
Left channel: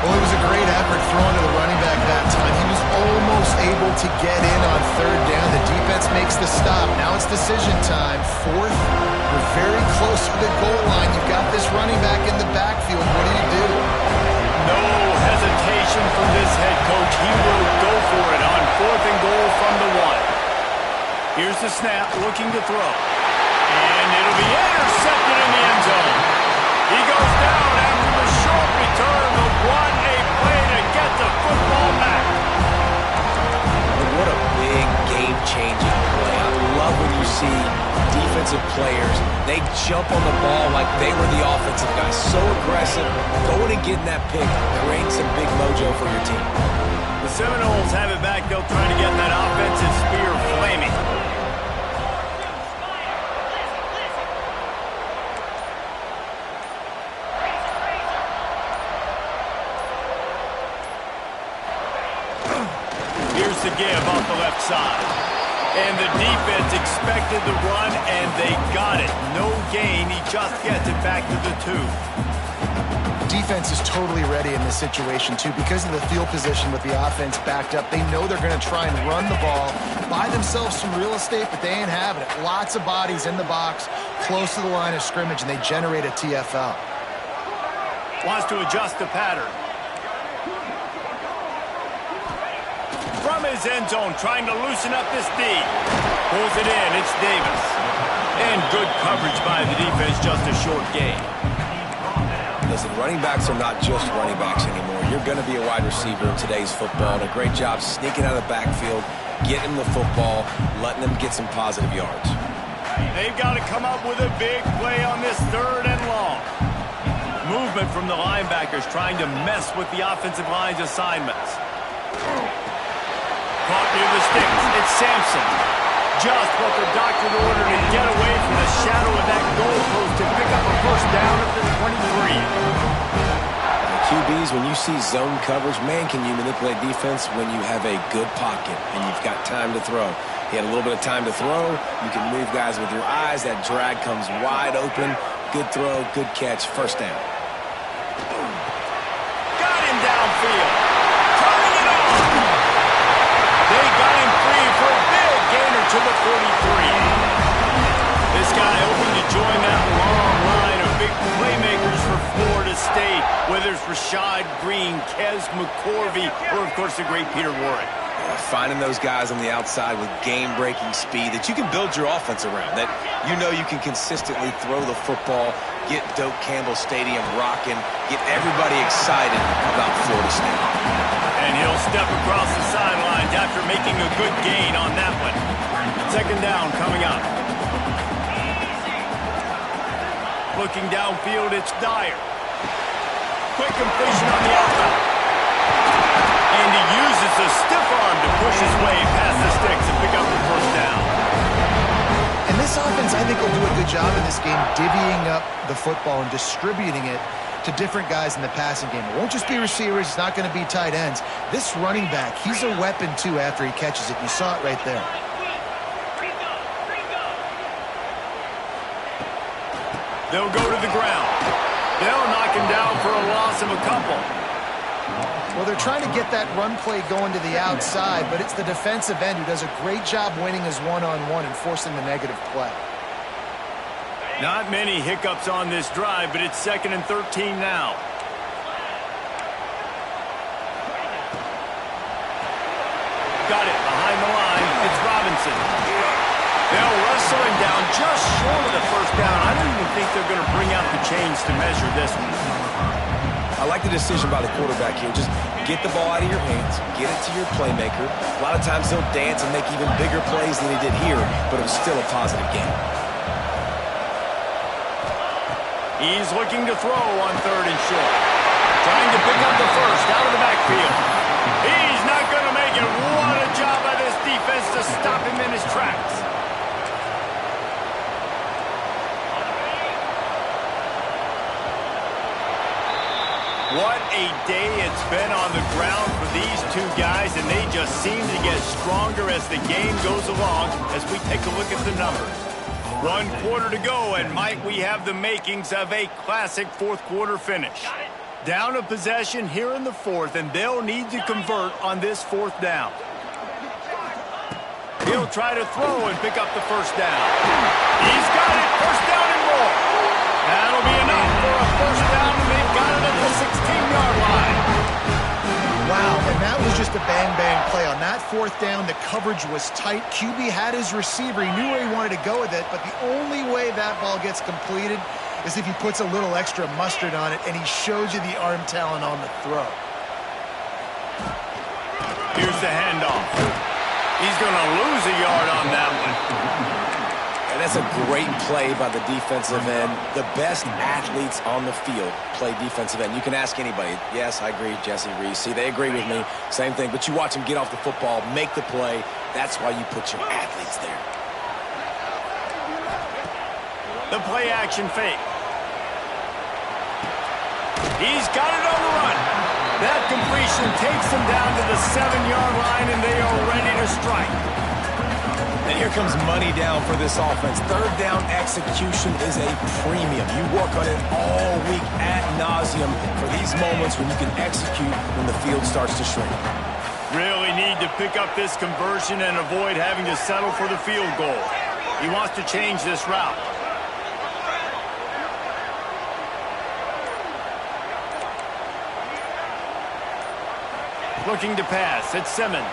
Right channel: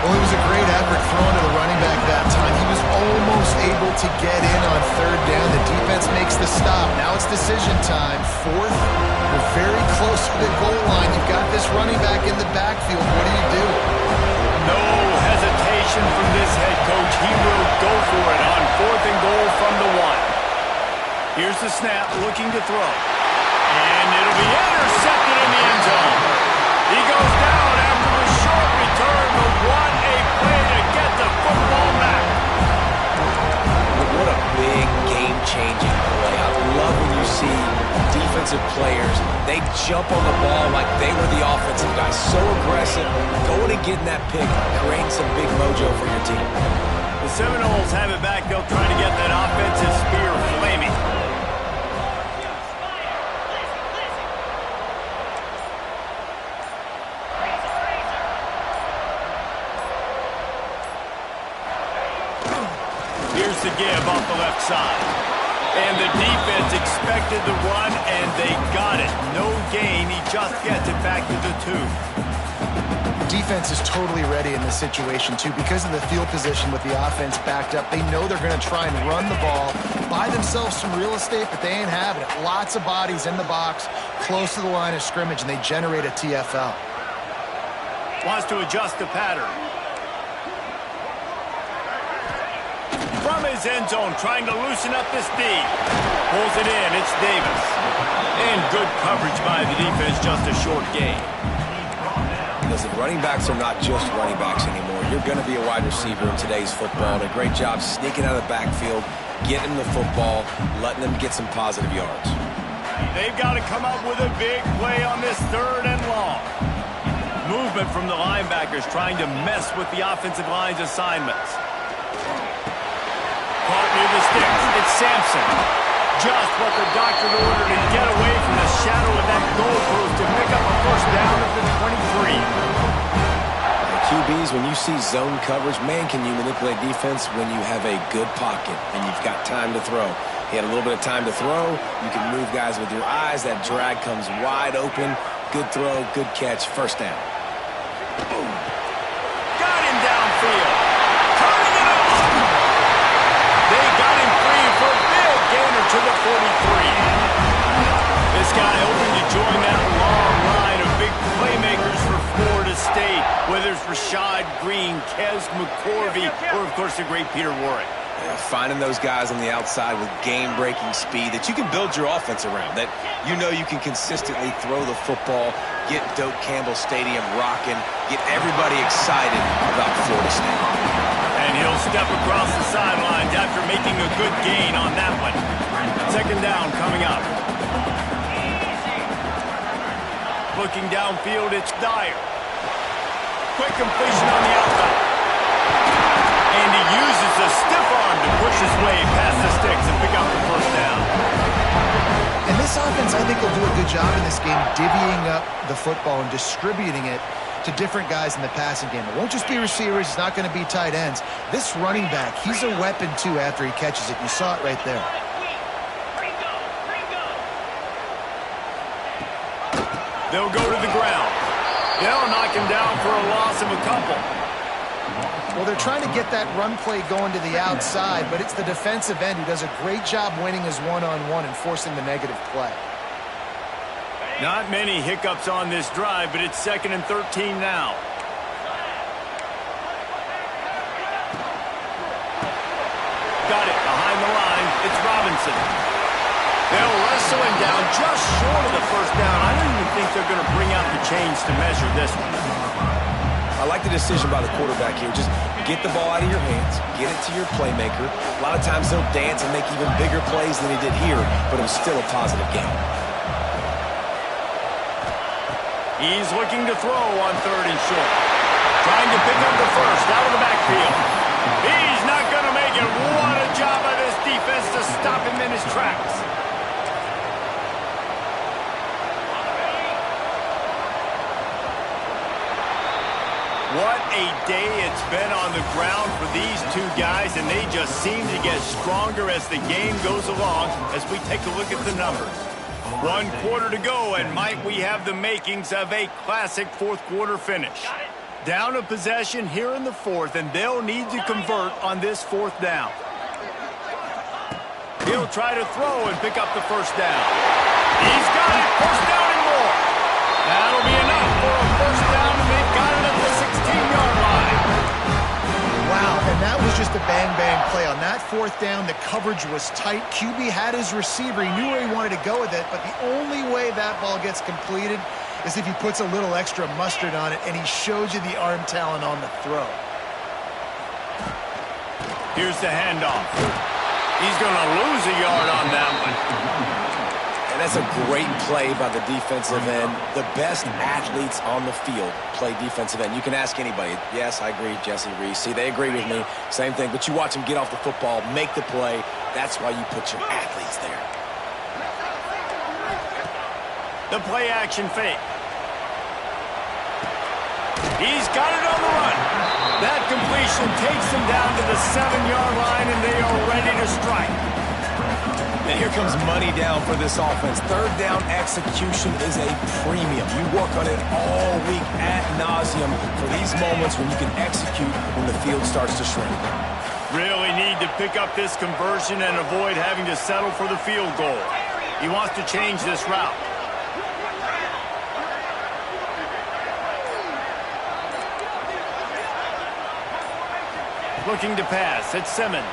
Well, it was a great effort thrown to the running back that time. He was almost able to get in on 3rd down. The defense makes the stop. Now it's decision time. 4th, you're very close to the goal line. You've got this running back in the backfield. What do? No hesitation from this head coach. He will go for it on 4th and goal from the 1. Here's the snap, looking to throw. And it'll be intercepted in the end zone. He goes down after the short return, but what a play to get the football back. What a big game-changing play. I love when you see defensive players, they jump on the ball like they were the offensive guys. So aggressive, going and getting that pick, creating some big mojo for your team. The Seminoles have it back. They'll try to get that offensive spear flaming. Here's the give off the left side. And the defense expected the run, and they got it. No gain. He just gets it back to the 2. Defense is totally ready in this situation, too. Because of the field position with the offense backed up, they know they're going to try and run the ball, buy themselves some real estate, but they ain't having it. Lots of bodies in the box, close to the line of scrimmage, and they generate a TFL. Wants to adjust the pattern. From his end zone, trying to loosen up this D. Pulls it in, it's Davis. And good coverage by the defense, just a short gain. Listen, running backs are not just running backs anymore. You're going to be a wide receiver in today's football, and a great job sneaking out of the backfield, getting them the football, letting them get some positive yards. They've got to come up with a big play on this 3rd and long. Movement from the linebackers trying to mess with the offensive line's assignments. Caught near the sticks. It's Sampson. Just what the doctor ordered to get away from the shadow of that goalpost to pick up a first down at the 23. QBs, when you see zone coverage, man, can you manipulate defense when you have a good pocket and you've got time to throw. He had a little bit of time to throw. You can move guys with your eyes. That drag comes wide open. Good throw, good catch, first down. Got him downfield. Turning it on. They got him free for a big gainer to the 43. This guy hoping to join that long line of big playmakers for Florida State, whether it's Rashad Green, Kez McCorvey, or, of course, the great Peter Warrick. Yeah, finding those guys on the outside with game-breaking speed that you can build your offense around, that you know you can consistently throw the football, get Doak Campbell Stadium rocking, get everybody excited about Florida State. And he'll step across the sidelines after making a good gain on that one. 2nd down coming up. Looking downfield, it's Dyer. Quick completion on the outbound. And he uses the stiff arm to push his way past the sticks and pick up the first down. And this offense, I think, will do a good job in this game divvying up the football and distributing it to different guys in the passing game. It won't just be receivers. It's not going to be tight ends. This running back, he's a weapon, too, after he catches it. You saw it right there. They'll go to the ground. They'll knock him down for a loss of a couple. Well, they're trying to get that run play going to the outside, but it's the defensive end who does a great job winning his one-on-one and forcing the negative play. Not many hiccups on this drive, but it's 2nd and 13 now. Got it behind the line. It's Robinson. They'll wrestle him down just short of the first down. I don't even think they're going to bring out the chains to measure this one. I like the decision by the quarterback here. Just get the ball out of your hands, get it to your playmaker. A lot of times they'll dance and make even bigger plays than he did here, but it was still a positive game. He's looking to throw on 3rd and short. Trying to pick up the first out of the backfield. He's not going to make it. What a job by this defense to stop him in his tracks. What a day it's been on the ground for these two guys, and they just seem to get stronger as the game goes along as we take a look at the numbers. 1 quarter to go, and might we have the makings of a classic 4th quarter finish. Down a possession here in the 4th, and they'll need to convert on this 4th down. He'll try to throw and pick up the first down. He's got it, first down and more. That'll be enough for a first down, and they've got it at the 16-yard line. Wow, and that was just a bang-bang play. On that fourth down, the coverage was tight. QB had his receiver. He knew where he wanted to go with it, but the only way that ball gets completed is if he puts a little extra mustard on it, and he shows you the arm talent on the throw. Here's the handoff. He's going to lose a yard on that one. And that's a great play by the defensive end. The best athletes on the field play defensive end. You can ask anybody. Yes, I agree, Jesse, Reese. See, they agree with me. Same thing. But you watch them get off the football, make the play. That's why you put your athletes there. The play action fake. He's got it on the run. That completion takes him down to the 7-yard line, and they are ready to strike. And here comes money down for this offense. Third down execution is a premium. You work on it all week ad nauseum for these moments when you can execute when the field starts to shrink. Really need to pick up this conversion and avoid having to settle for the field goal. He wants to change this route. Looking to pass. It's Simmons.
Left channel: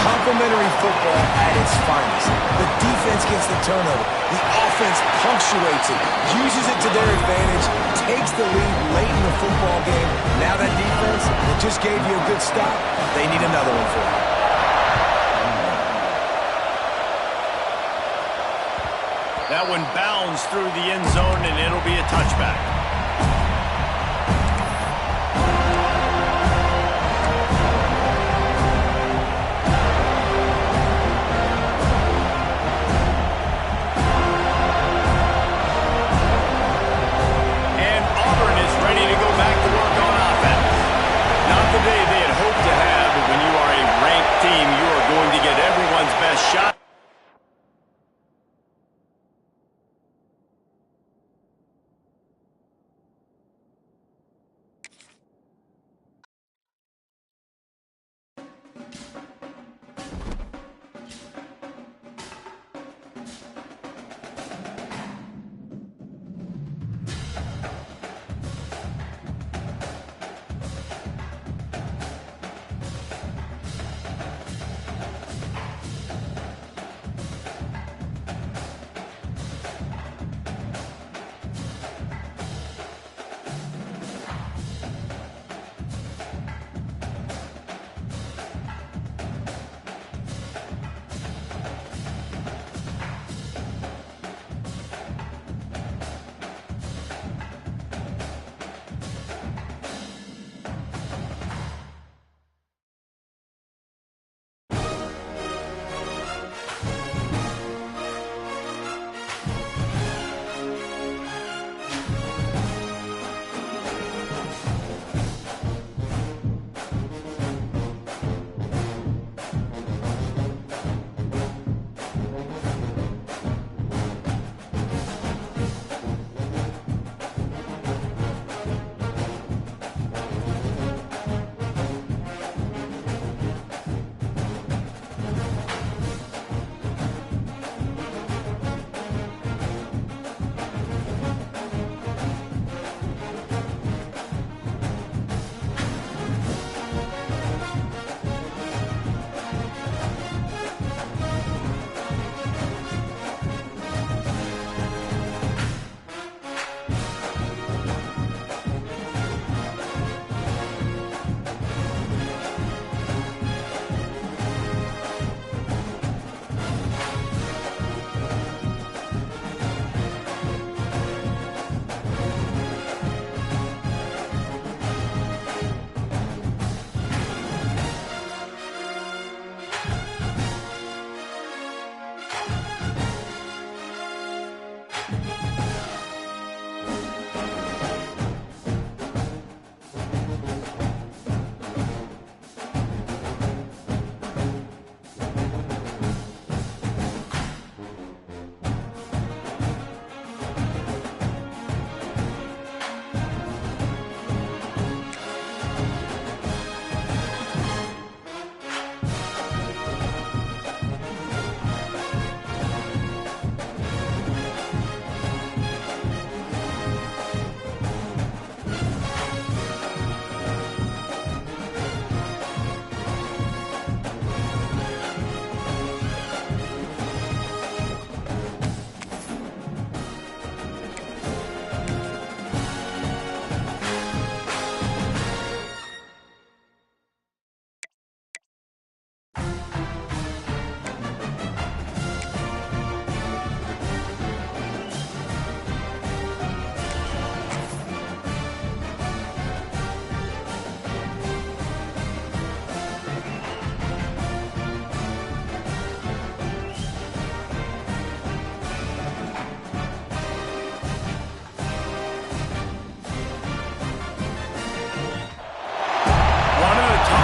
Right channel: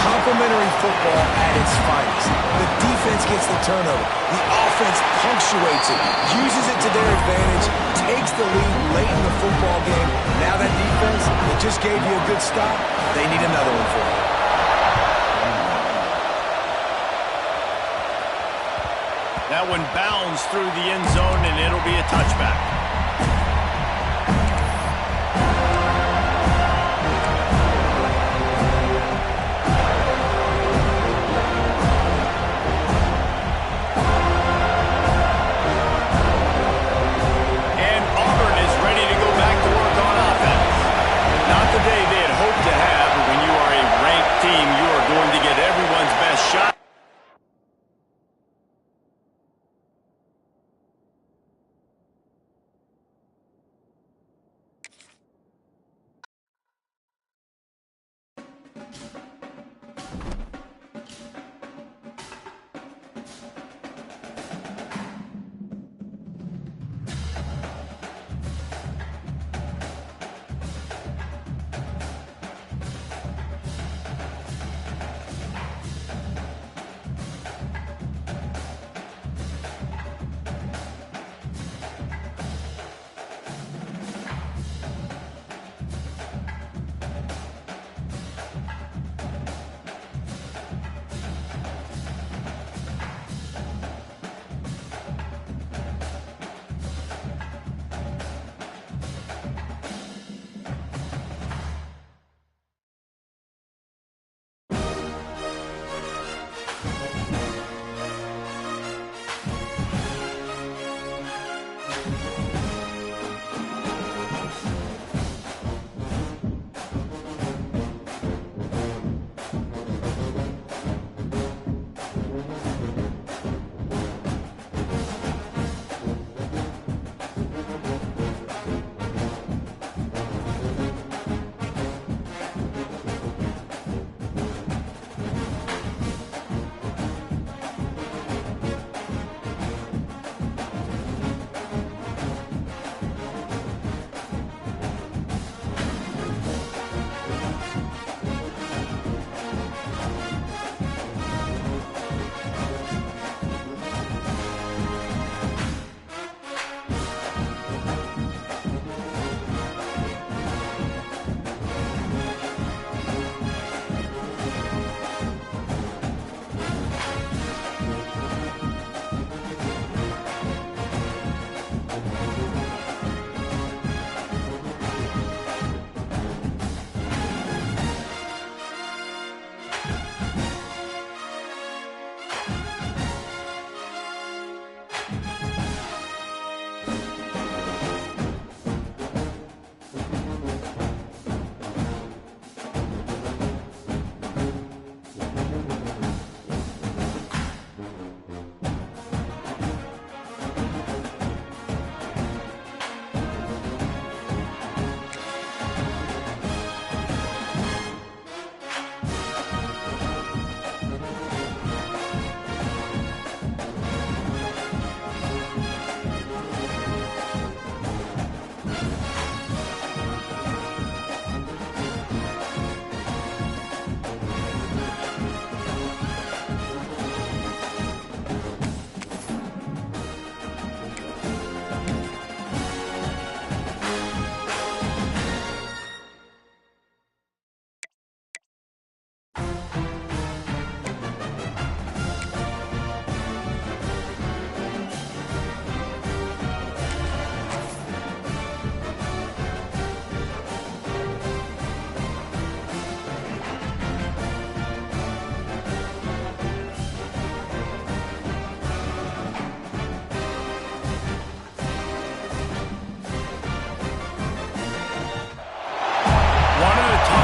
Complimentary football at its finest. The defense gets the turnover. The offense punctuates it, uses it to their advantage, takes the lead late in the football game. Now that defense that just gave you a good stop, they need another one for you. That one bounds through the end zone, and it'll be a touchback. Not the day they had hoped to have, but when you are a ranked team, you are going to get everyone's best shot.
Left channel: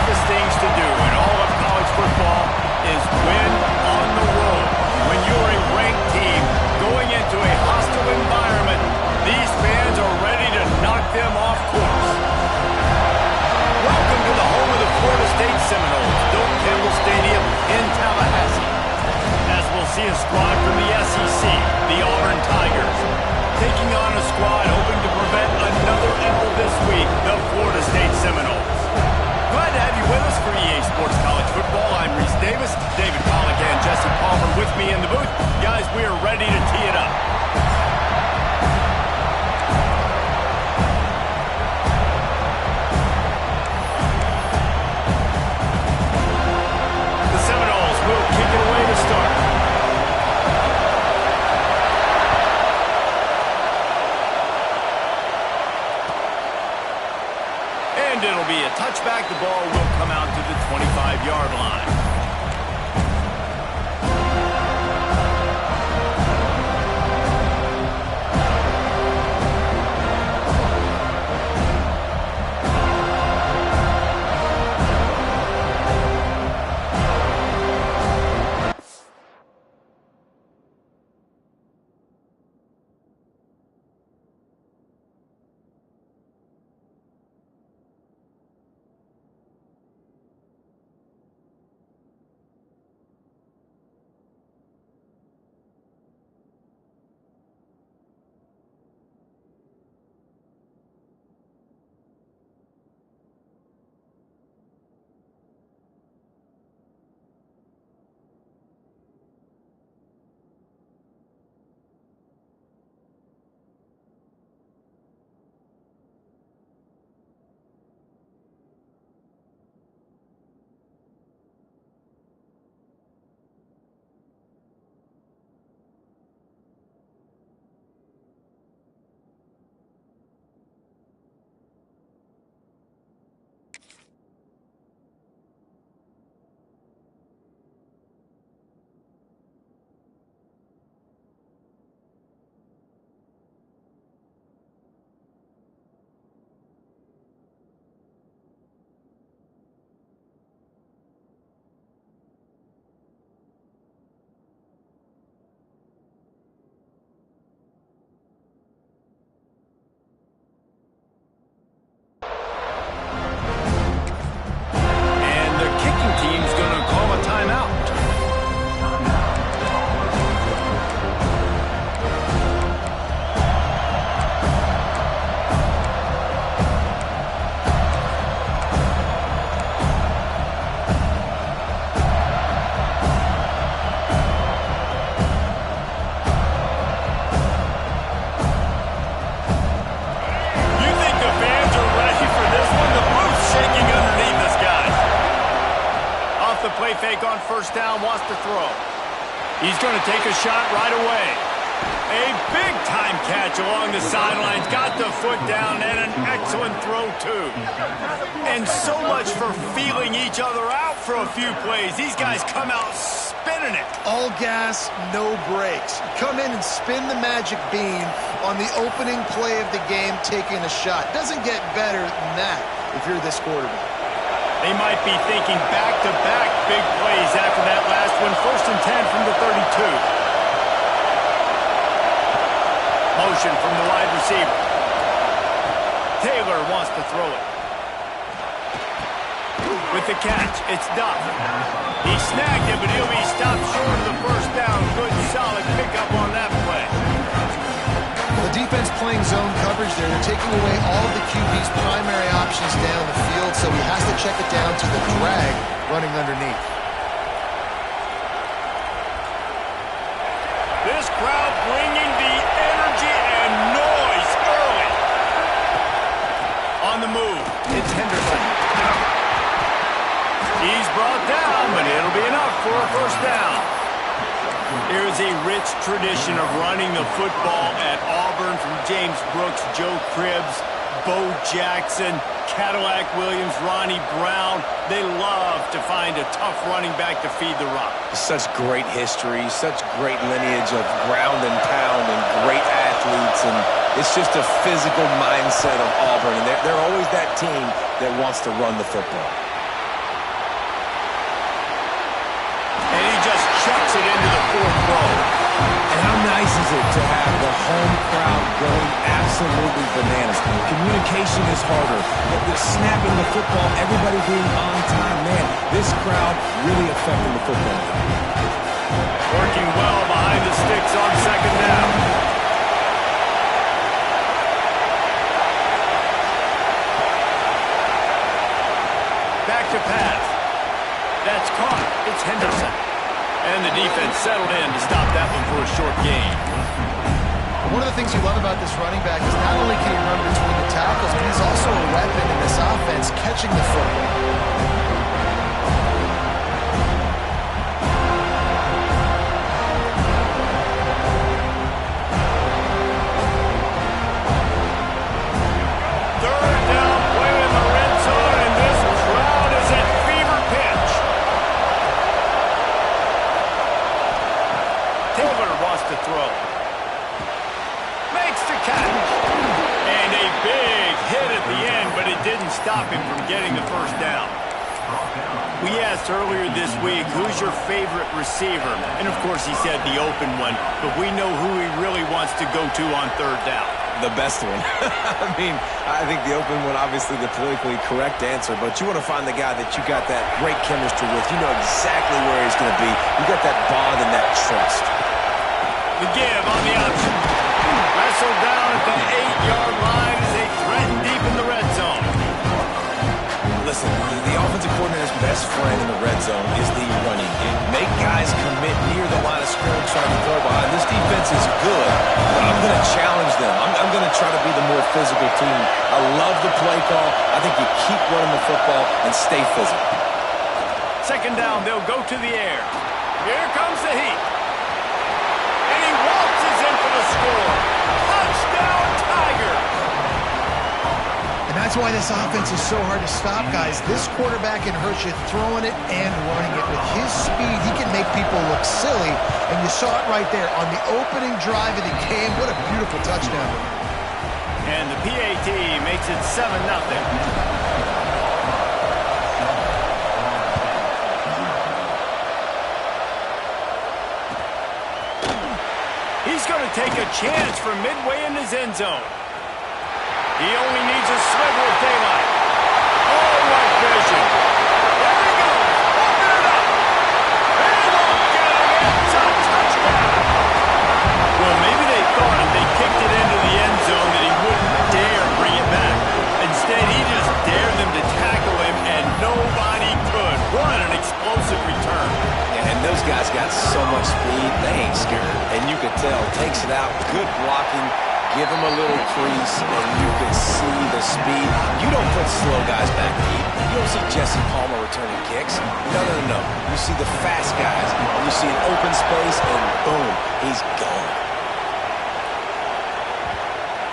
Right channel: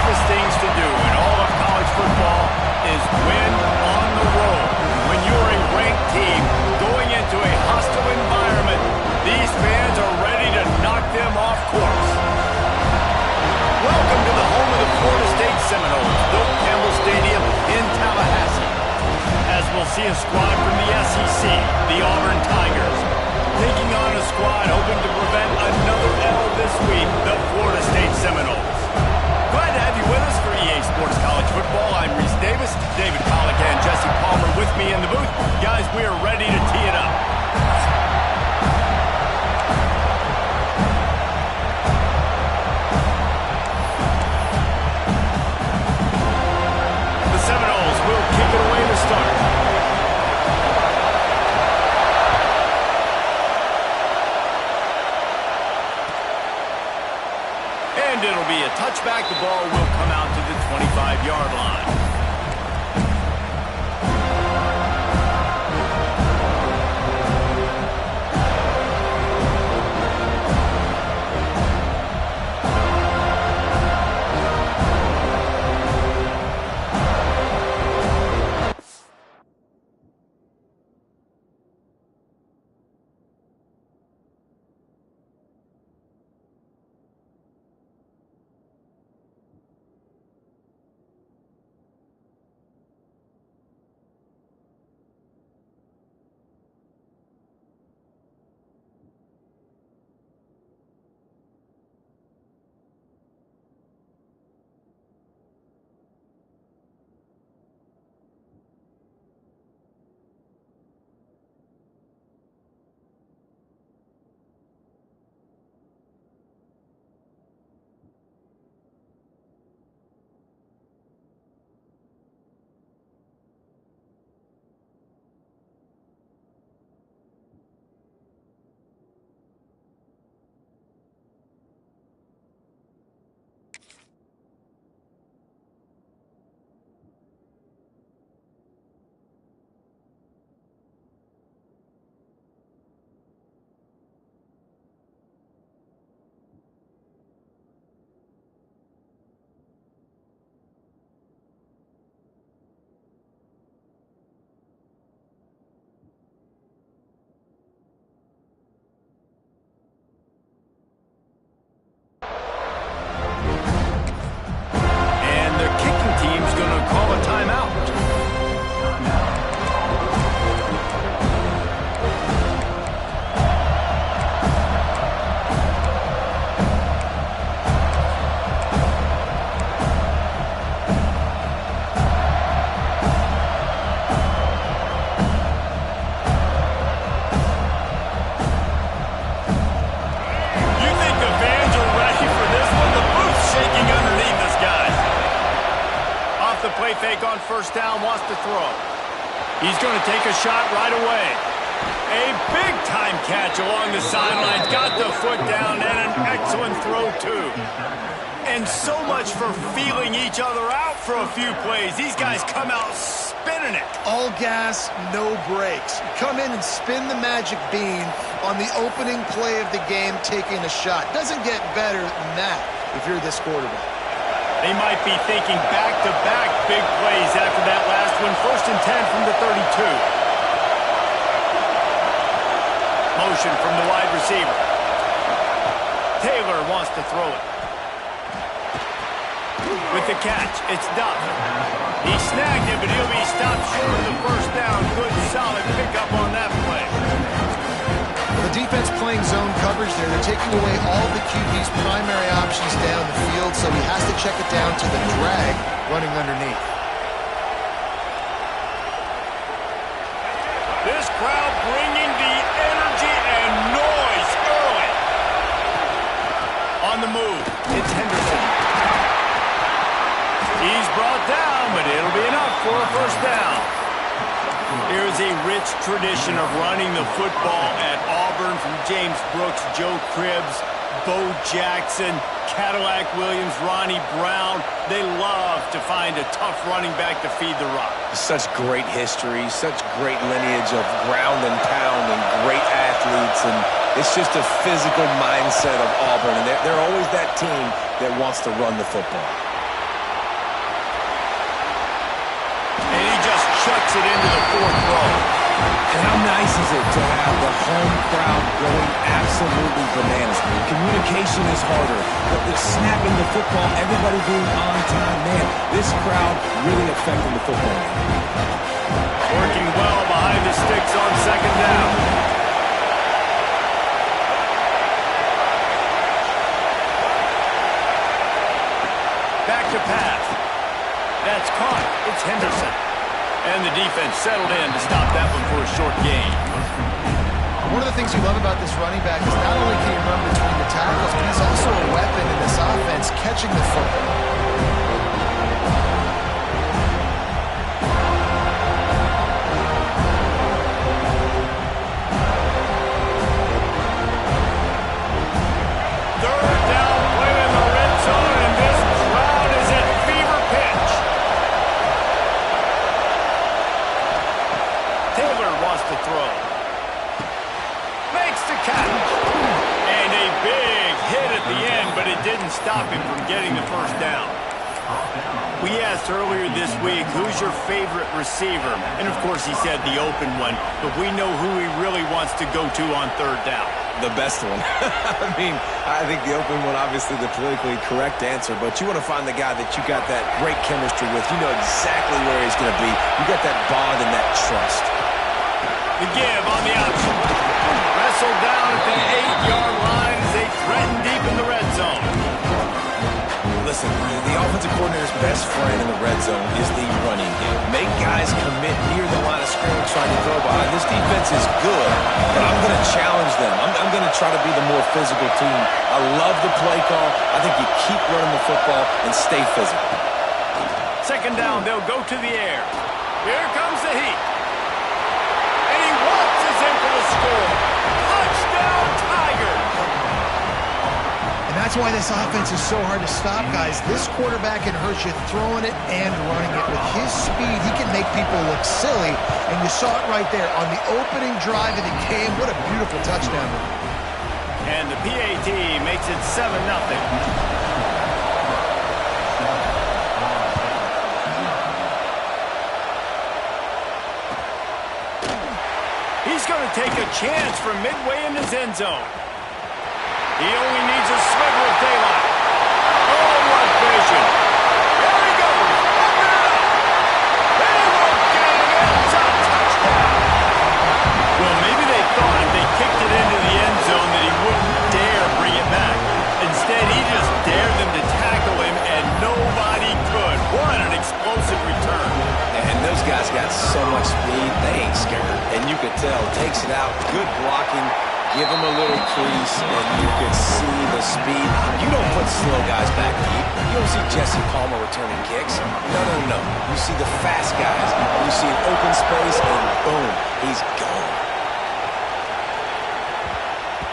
toughest things to do in all of college football is win on the road. When you're a ranked team going into a hostile environment, these fans are ready to knock them off course. Welcome to the home of the Florida State Seminoles, Doak Campbell Stadium in Tallahassee. As we'll see a squad from the SEC, the Auburn Tigers, taking on a squad hoping to prevent another L this week, the Florida State Seminoles. Glad to have you with us for EA Sports College Football. I'm Reese Davis, David Pollack and Jesse Palmer with me in the booth. Guys, we are ready to tee it up. The Seminoles will kick it away to start. And it'll be a touchback. The ball will come out to the 25-yard line. Team's going to call a timeout. You think the fans are ready for this one? The booth's shaking underneath us, guys. Off the play fake on first down, wants to throw. He's going to take a shot right away. A big-time catch along the sidelines. Got the foot down and an excellent throw, too. And so much for feeling each other out for a few plays. These guys come out spinning it. All gas, no brakes. Come in and spin the magic bean on the opening play of the game, taking a shot. Doesn't get better than that if you're this quarterback. They might be thinking back-to-back big plays after that last one. 1st and 10 from the 32. Motion from the wide receiver. Taylor wants to throw it. With the catch, it's Duff. He snagged it, but he'll be stopped short of the first down. Good, solid pickup on that play. The defense playing zone coverage there. They're taking away all of the QB's primary options down the field, so he has to check it down to the drag running underneath. This crowd bringing the energy and noise early. On the move, it's Henderson. He's brought down, but it'll be enough for a first down. There is a rich tradition of running the football at Auburn from James Brooks, Joe Cribbs, Bo Jackson, Cadillac Williams, Ronnie Brown. They love to find a tough running back to feed the rock. Such great history, such great lineage of ground and pound and great athletes. And it's just a physical mindset of Auburn. And they're always that team that wants to run the football. makes it into the fourth row. And how nice is it to have the home crowd going absolutely bananas? Communication is harder. The snapping the football, everybody being on time. Man, this crowd really affecting the football game. Working well behind the sticks on second down. Back to pass. That's caught. It's Henderson. And the defense settled in to stop that one for a short gain. One of the things you love about this running back is not only can he run between the tackles, but he's also a weapon in this offense catching the football. Third down play in the red zone, and this crowd is at fever pitch. Taylor wants to throw. Makes the catch. And a big hit at the end, but it didn't stop him from getting the first down. We asked earlier this week, who's your favorite receiver? And, of course, he said the open one, but we know who he really wants to go to on third down. The best one. I mean, I think the open one, obviously the politically correct answer, but you want to find the guy that you got that great chemistry with. You know exactly where he's going to be. You got that bond and that trust. The give on the option. Wrestled down at the 8-yard line as they threaten deep in the red zone. Listen, the offensive coordinator's best friend in the red zone is the running game. Make guys commit near the line of scrimmage trying to throw behind. This defense is good, but I'm going to challenge them. I'm going to try to be the more physical team. I love the play call. I think you keep running the football and stay physical. Second down, they'll go to the air. Here comes the heat. And he waltzes in for the score. Touchdown, Tigers! And that's why this offense is so hard to stop, guys. This quarterback can hurt you throwing it and running it. With his speed, he can make people look silly. And you saw it right there on the opening drive of the game. What a beautiful touchdown. And the PAT makes it 7-0. He's going to take a chance from midway in his end zone. He only needs a sliver of daylight. Oh, what vision. There he goes. Open it up. They won't get it. It's a touchdown. Well, maybe they thought if they kicked it into the end zone that he wouldn't dare bring it back. Instead, he just dared them to tackle him, and nobody could. What an explosive return. And those guys got so much speed, they ain't scared. And you could tell, takes it out, good blocking, give him a little crease, and you could see the speed. You don't put slow guys back deep. You don't see Jesse Palmer returning kicks. No. You see the fast guys, and you see an open space, and boom, he's gone.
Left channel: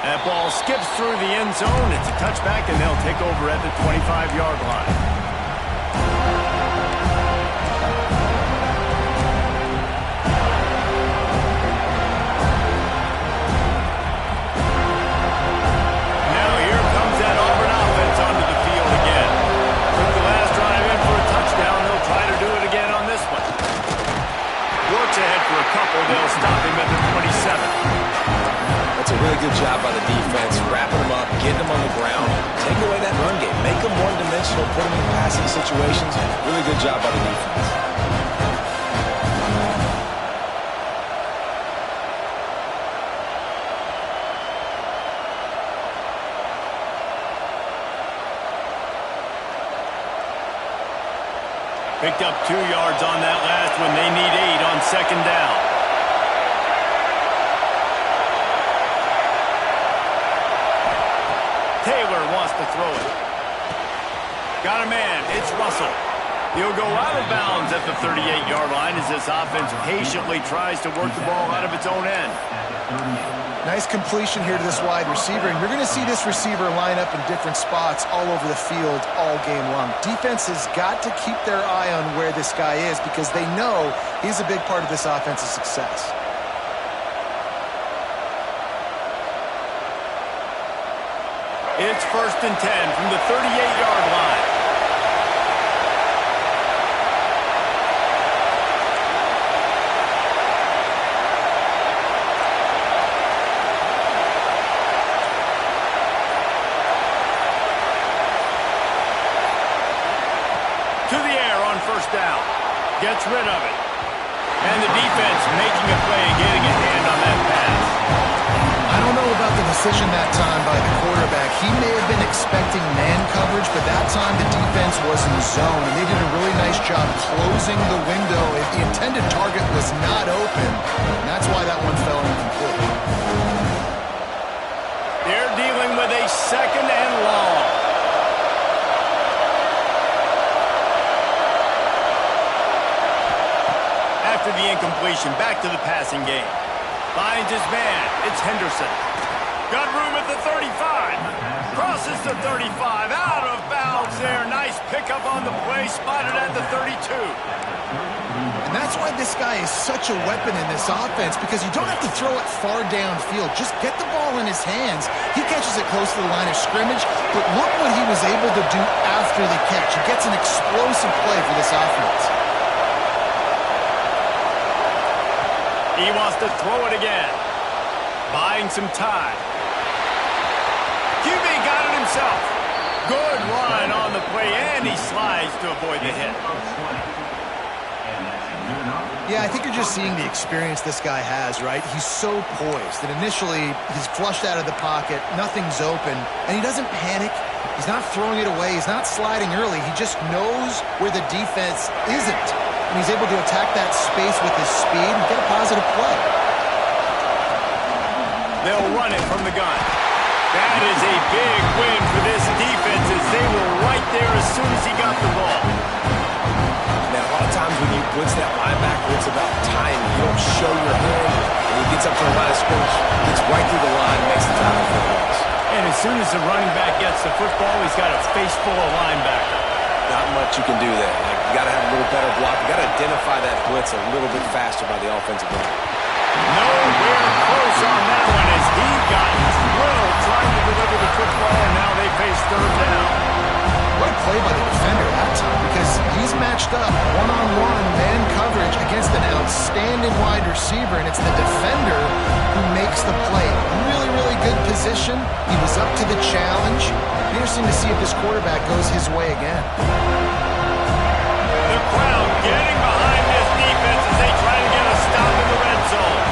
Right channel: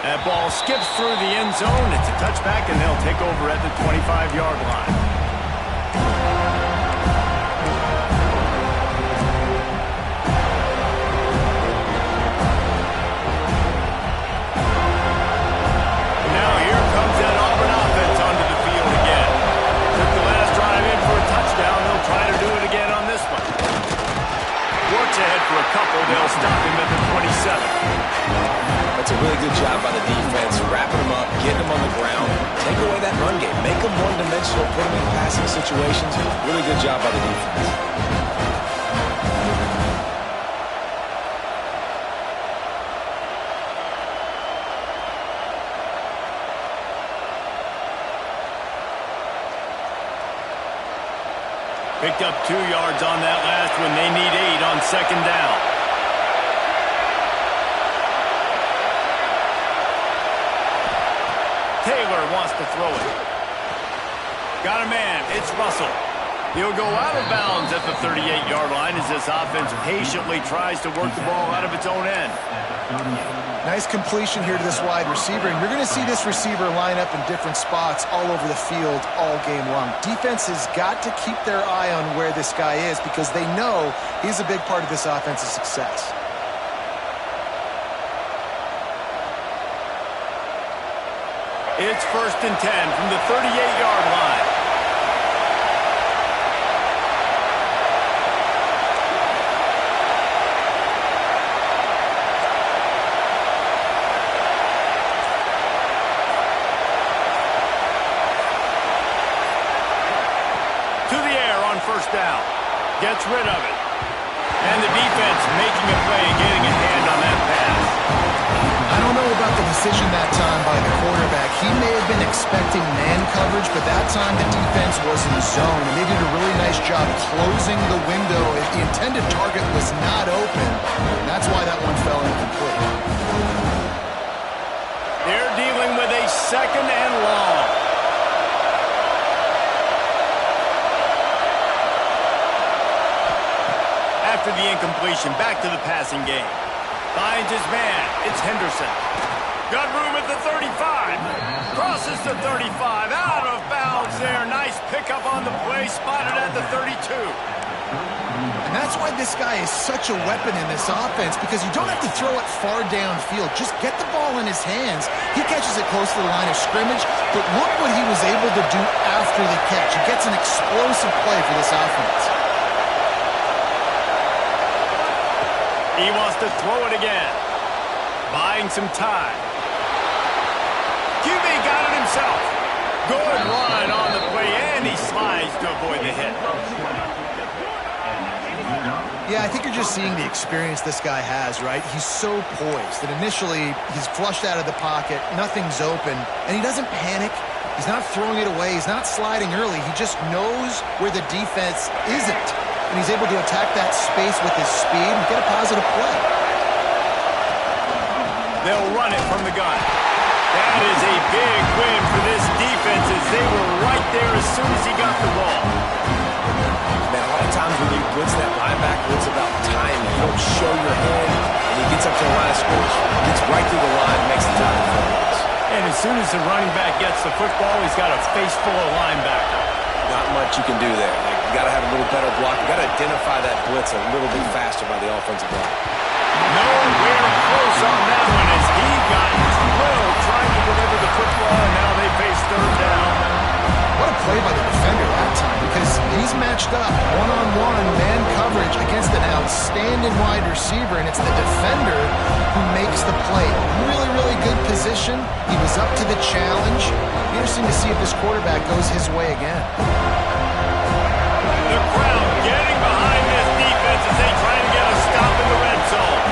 That ball skips through the end zone. It's a touchback, and they'll take over at the 25-yard line. Now here comes that Auburn offense onto the field again. Took the last drive in for a touchdown. They'll try to do it again on this one. Works ahead for a couple. They'll stop him at the 27. That's a really good job by the defense, wrapping them up, getting them on the ground, take away that run game, make them one-dimensional, put them in passing situations. Really good job by the defense. Picked up 2 yards on that last one. They need 8 on second down. Taylor wants to throw it. Got a man. It's Russell. He'll go out of bounds at the 38-yard line as this offense patiently tries to work the ball out of its own end. Nice completion here to this wide receiver, and you're going to see this receiver line up in different spots all over the field all game long. Defense has got to keep their eye on where this guy is because they know he's a big part of this offense's success. It's 1st and 10 from the 38-yard line. first down. Gets rid of it. And the defense making a play and getting a hand on that pass. I don't know about the decision that time by the quarterback. He may have been expecting man coverage, but that time the defense was in zone, and they did a really nice job closing the window. The intended target was not open, and that's why that one fell incomplete. They're dealing with a second and long. After the incompletion, back to the passing game. Finds his man. It's Henderson. Got room at the 35. Crosses the 35. Out of bounds there. Nice pickup on the play. Spotted at the 32. And that's why this guy is such a weapon in this offense, because you don't have to throw it far downfield. Just get the ball in his hands. He catches it close to the line of scrimmage, but look what he was able to do after the catch. He gets an explosive play for this offense. He wants to throw it again. Buying some time. QB got it himself. Good run on the play, and he slides to avoid the hit. Yeah, I think you're just seeing the experience this guy has, right? He's so poised that initially he's flushed out of the pocket, nothing's open, and he doesn't panic. He's not throwing it away. He's not sliding early. He just knows where the defense isn't, and he's able to attack that space with his speed and get a positive play. They'll run it from the gun. That is a big win for this defense, as they were right there as soon as he got the ball. Man, a lot of times when you blitz that linebacker, it's about timing. You don't show your hand, and he gets up to the line of scrimmage, gets right through the line, makes the tackle for a loss. And as soon as the running back gets the football, he's got a face full of linebacker. Not much you can do there. Like, you got to have a little better block. You got to identify that blitz a little bit faster by the offensive line. Nowhere close on that one, as he got drilled trying to deliver the football, and now they face third down. What a play by the defender that time, because he's matched up one-on-one man coverage against an outstanding wide receiver, and it's the defender who makes the play. Really, really good position. He was up to the challenge. Be interesting to see if this quarterback goes his way again. The crowd getting behind this defense as they try to get a stop in the red zone.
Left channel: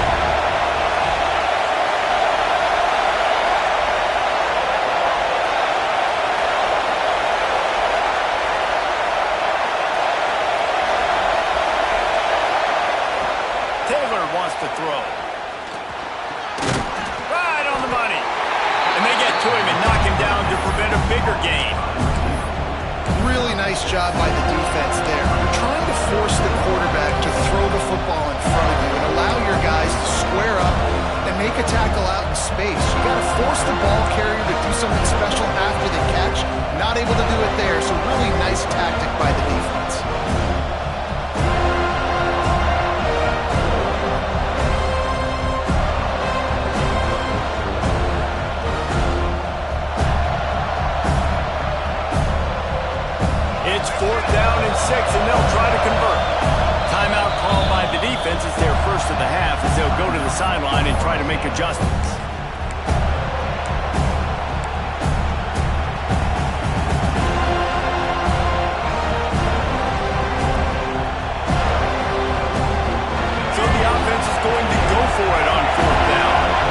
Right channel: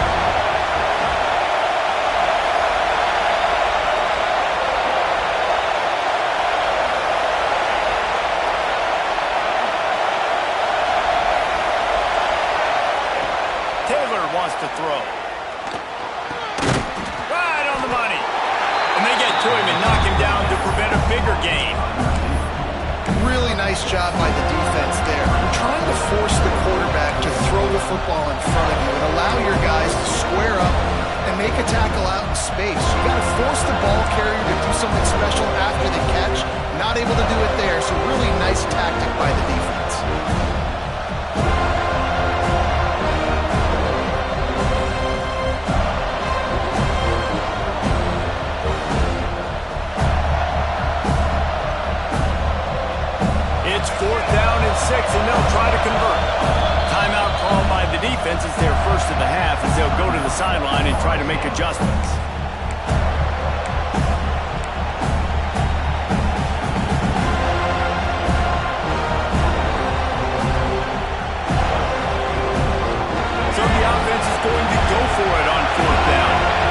Taylor wants to throw. Right on the money. And they get to him and knock him down to prevent a bigger gain. Really nice job by the defense there. You're trying to force the quarterback to throw the football in front of you and allow your guys to square up and make a tackle out in space. You got to force the ball carrier to do something special after the catch. Not able to do it there, so really nice tactic by the defense. It's 4th down and 6, and they'll try to convert. Timeout called by the defense is their first of the half, as they'll go to the sideline and try to make adjustments. So the offense is going to go for it on 4th down.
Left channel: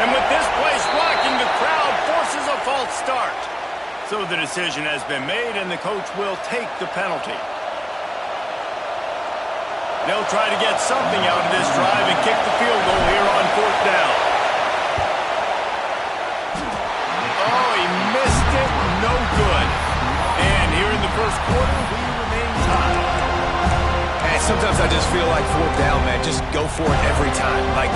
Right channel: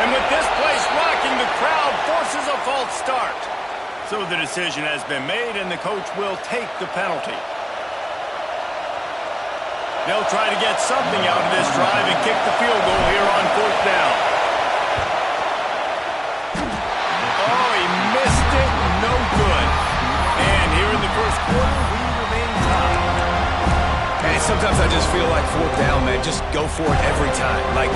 And with this place rocking, the crowd forces a false start. So the decision has been made, and the coach will take the penalty. They'll try to get something out of this drive and kick the field goal here on 4th down. Oh, he missed it. No good. And here in the first quarter, we remain tied. And sometimes I just feel like 4th down, man, just go for it every time. Like,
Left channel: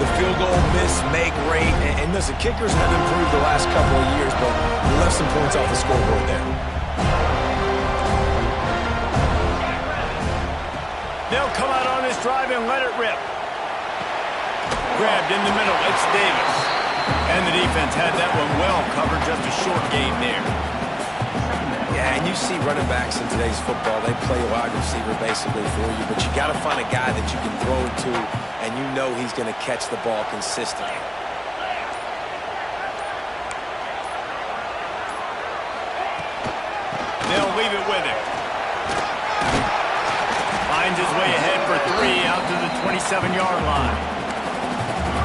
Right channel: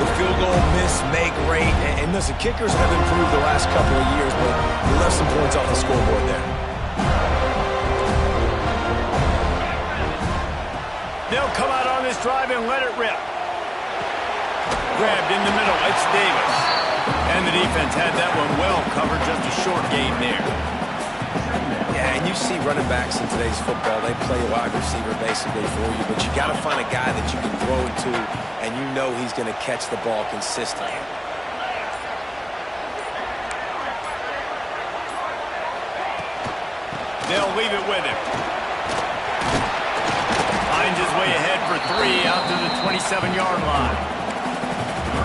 the field goal, miss, make, rate. And listen, kickers have improved the last couple of years, but they left some points off the scoreboard there. They'll come out on this drive and let it rip. Grabbed in the middle, it's Davis. And the defense had that one well covered, just a short game there. Yeah, and you see running backs in today's football, they play wide receiver basically for you, but you got to find a guy that you can throw it to, and you know he's going to catch the ball consistently. They'll leave it with him. Finds his way ahead for 3 out to the 27-yard line.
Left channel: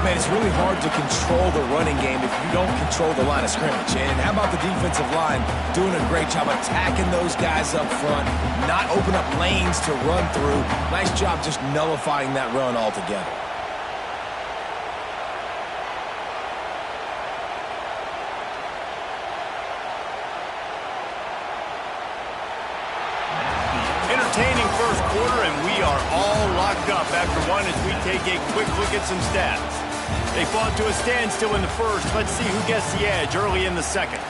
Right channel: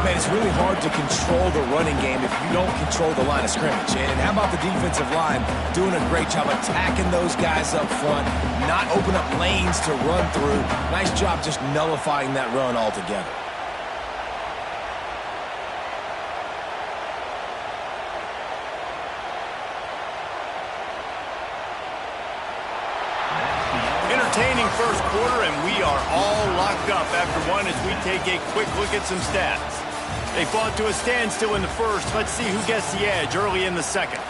Man, it's really hard to control the running game if you don't control the line of scrimmage. And how about the defensive line doing a great job attacking those guys up front, not open up lanes to run through. Nice job just nullifying that run altogether. Entertaining first quarter, and we are all locked up after one as we take a quick look at some stats. They fought to a standstill in the first. Let's see who gets the edge early in the second.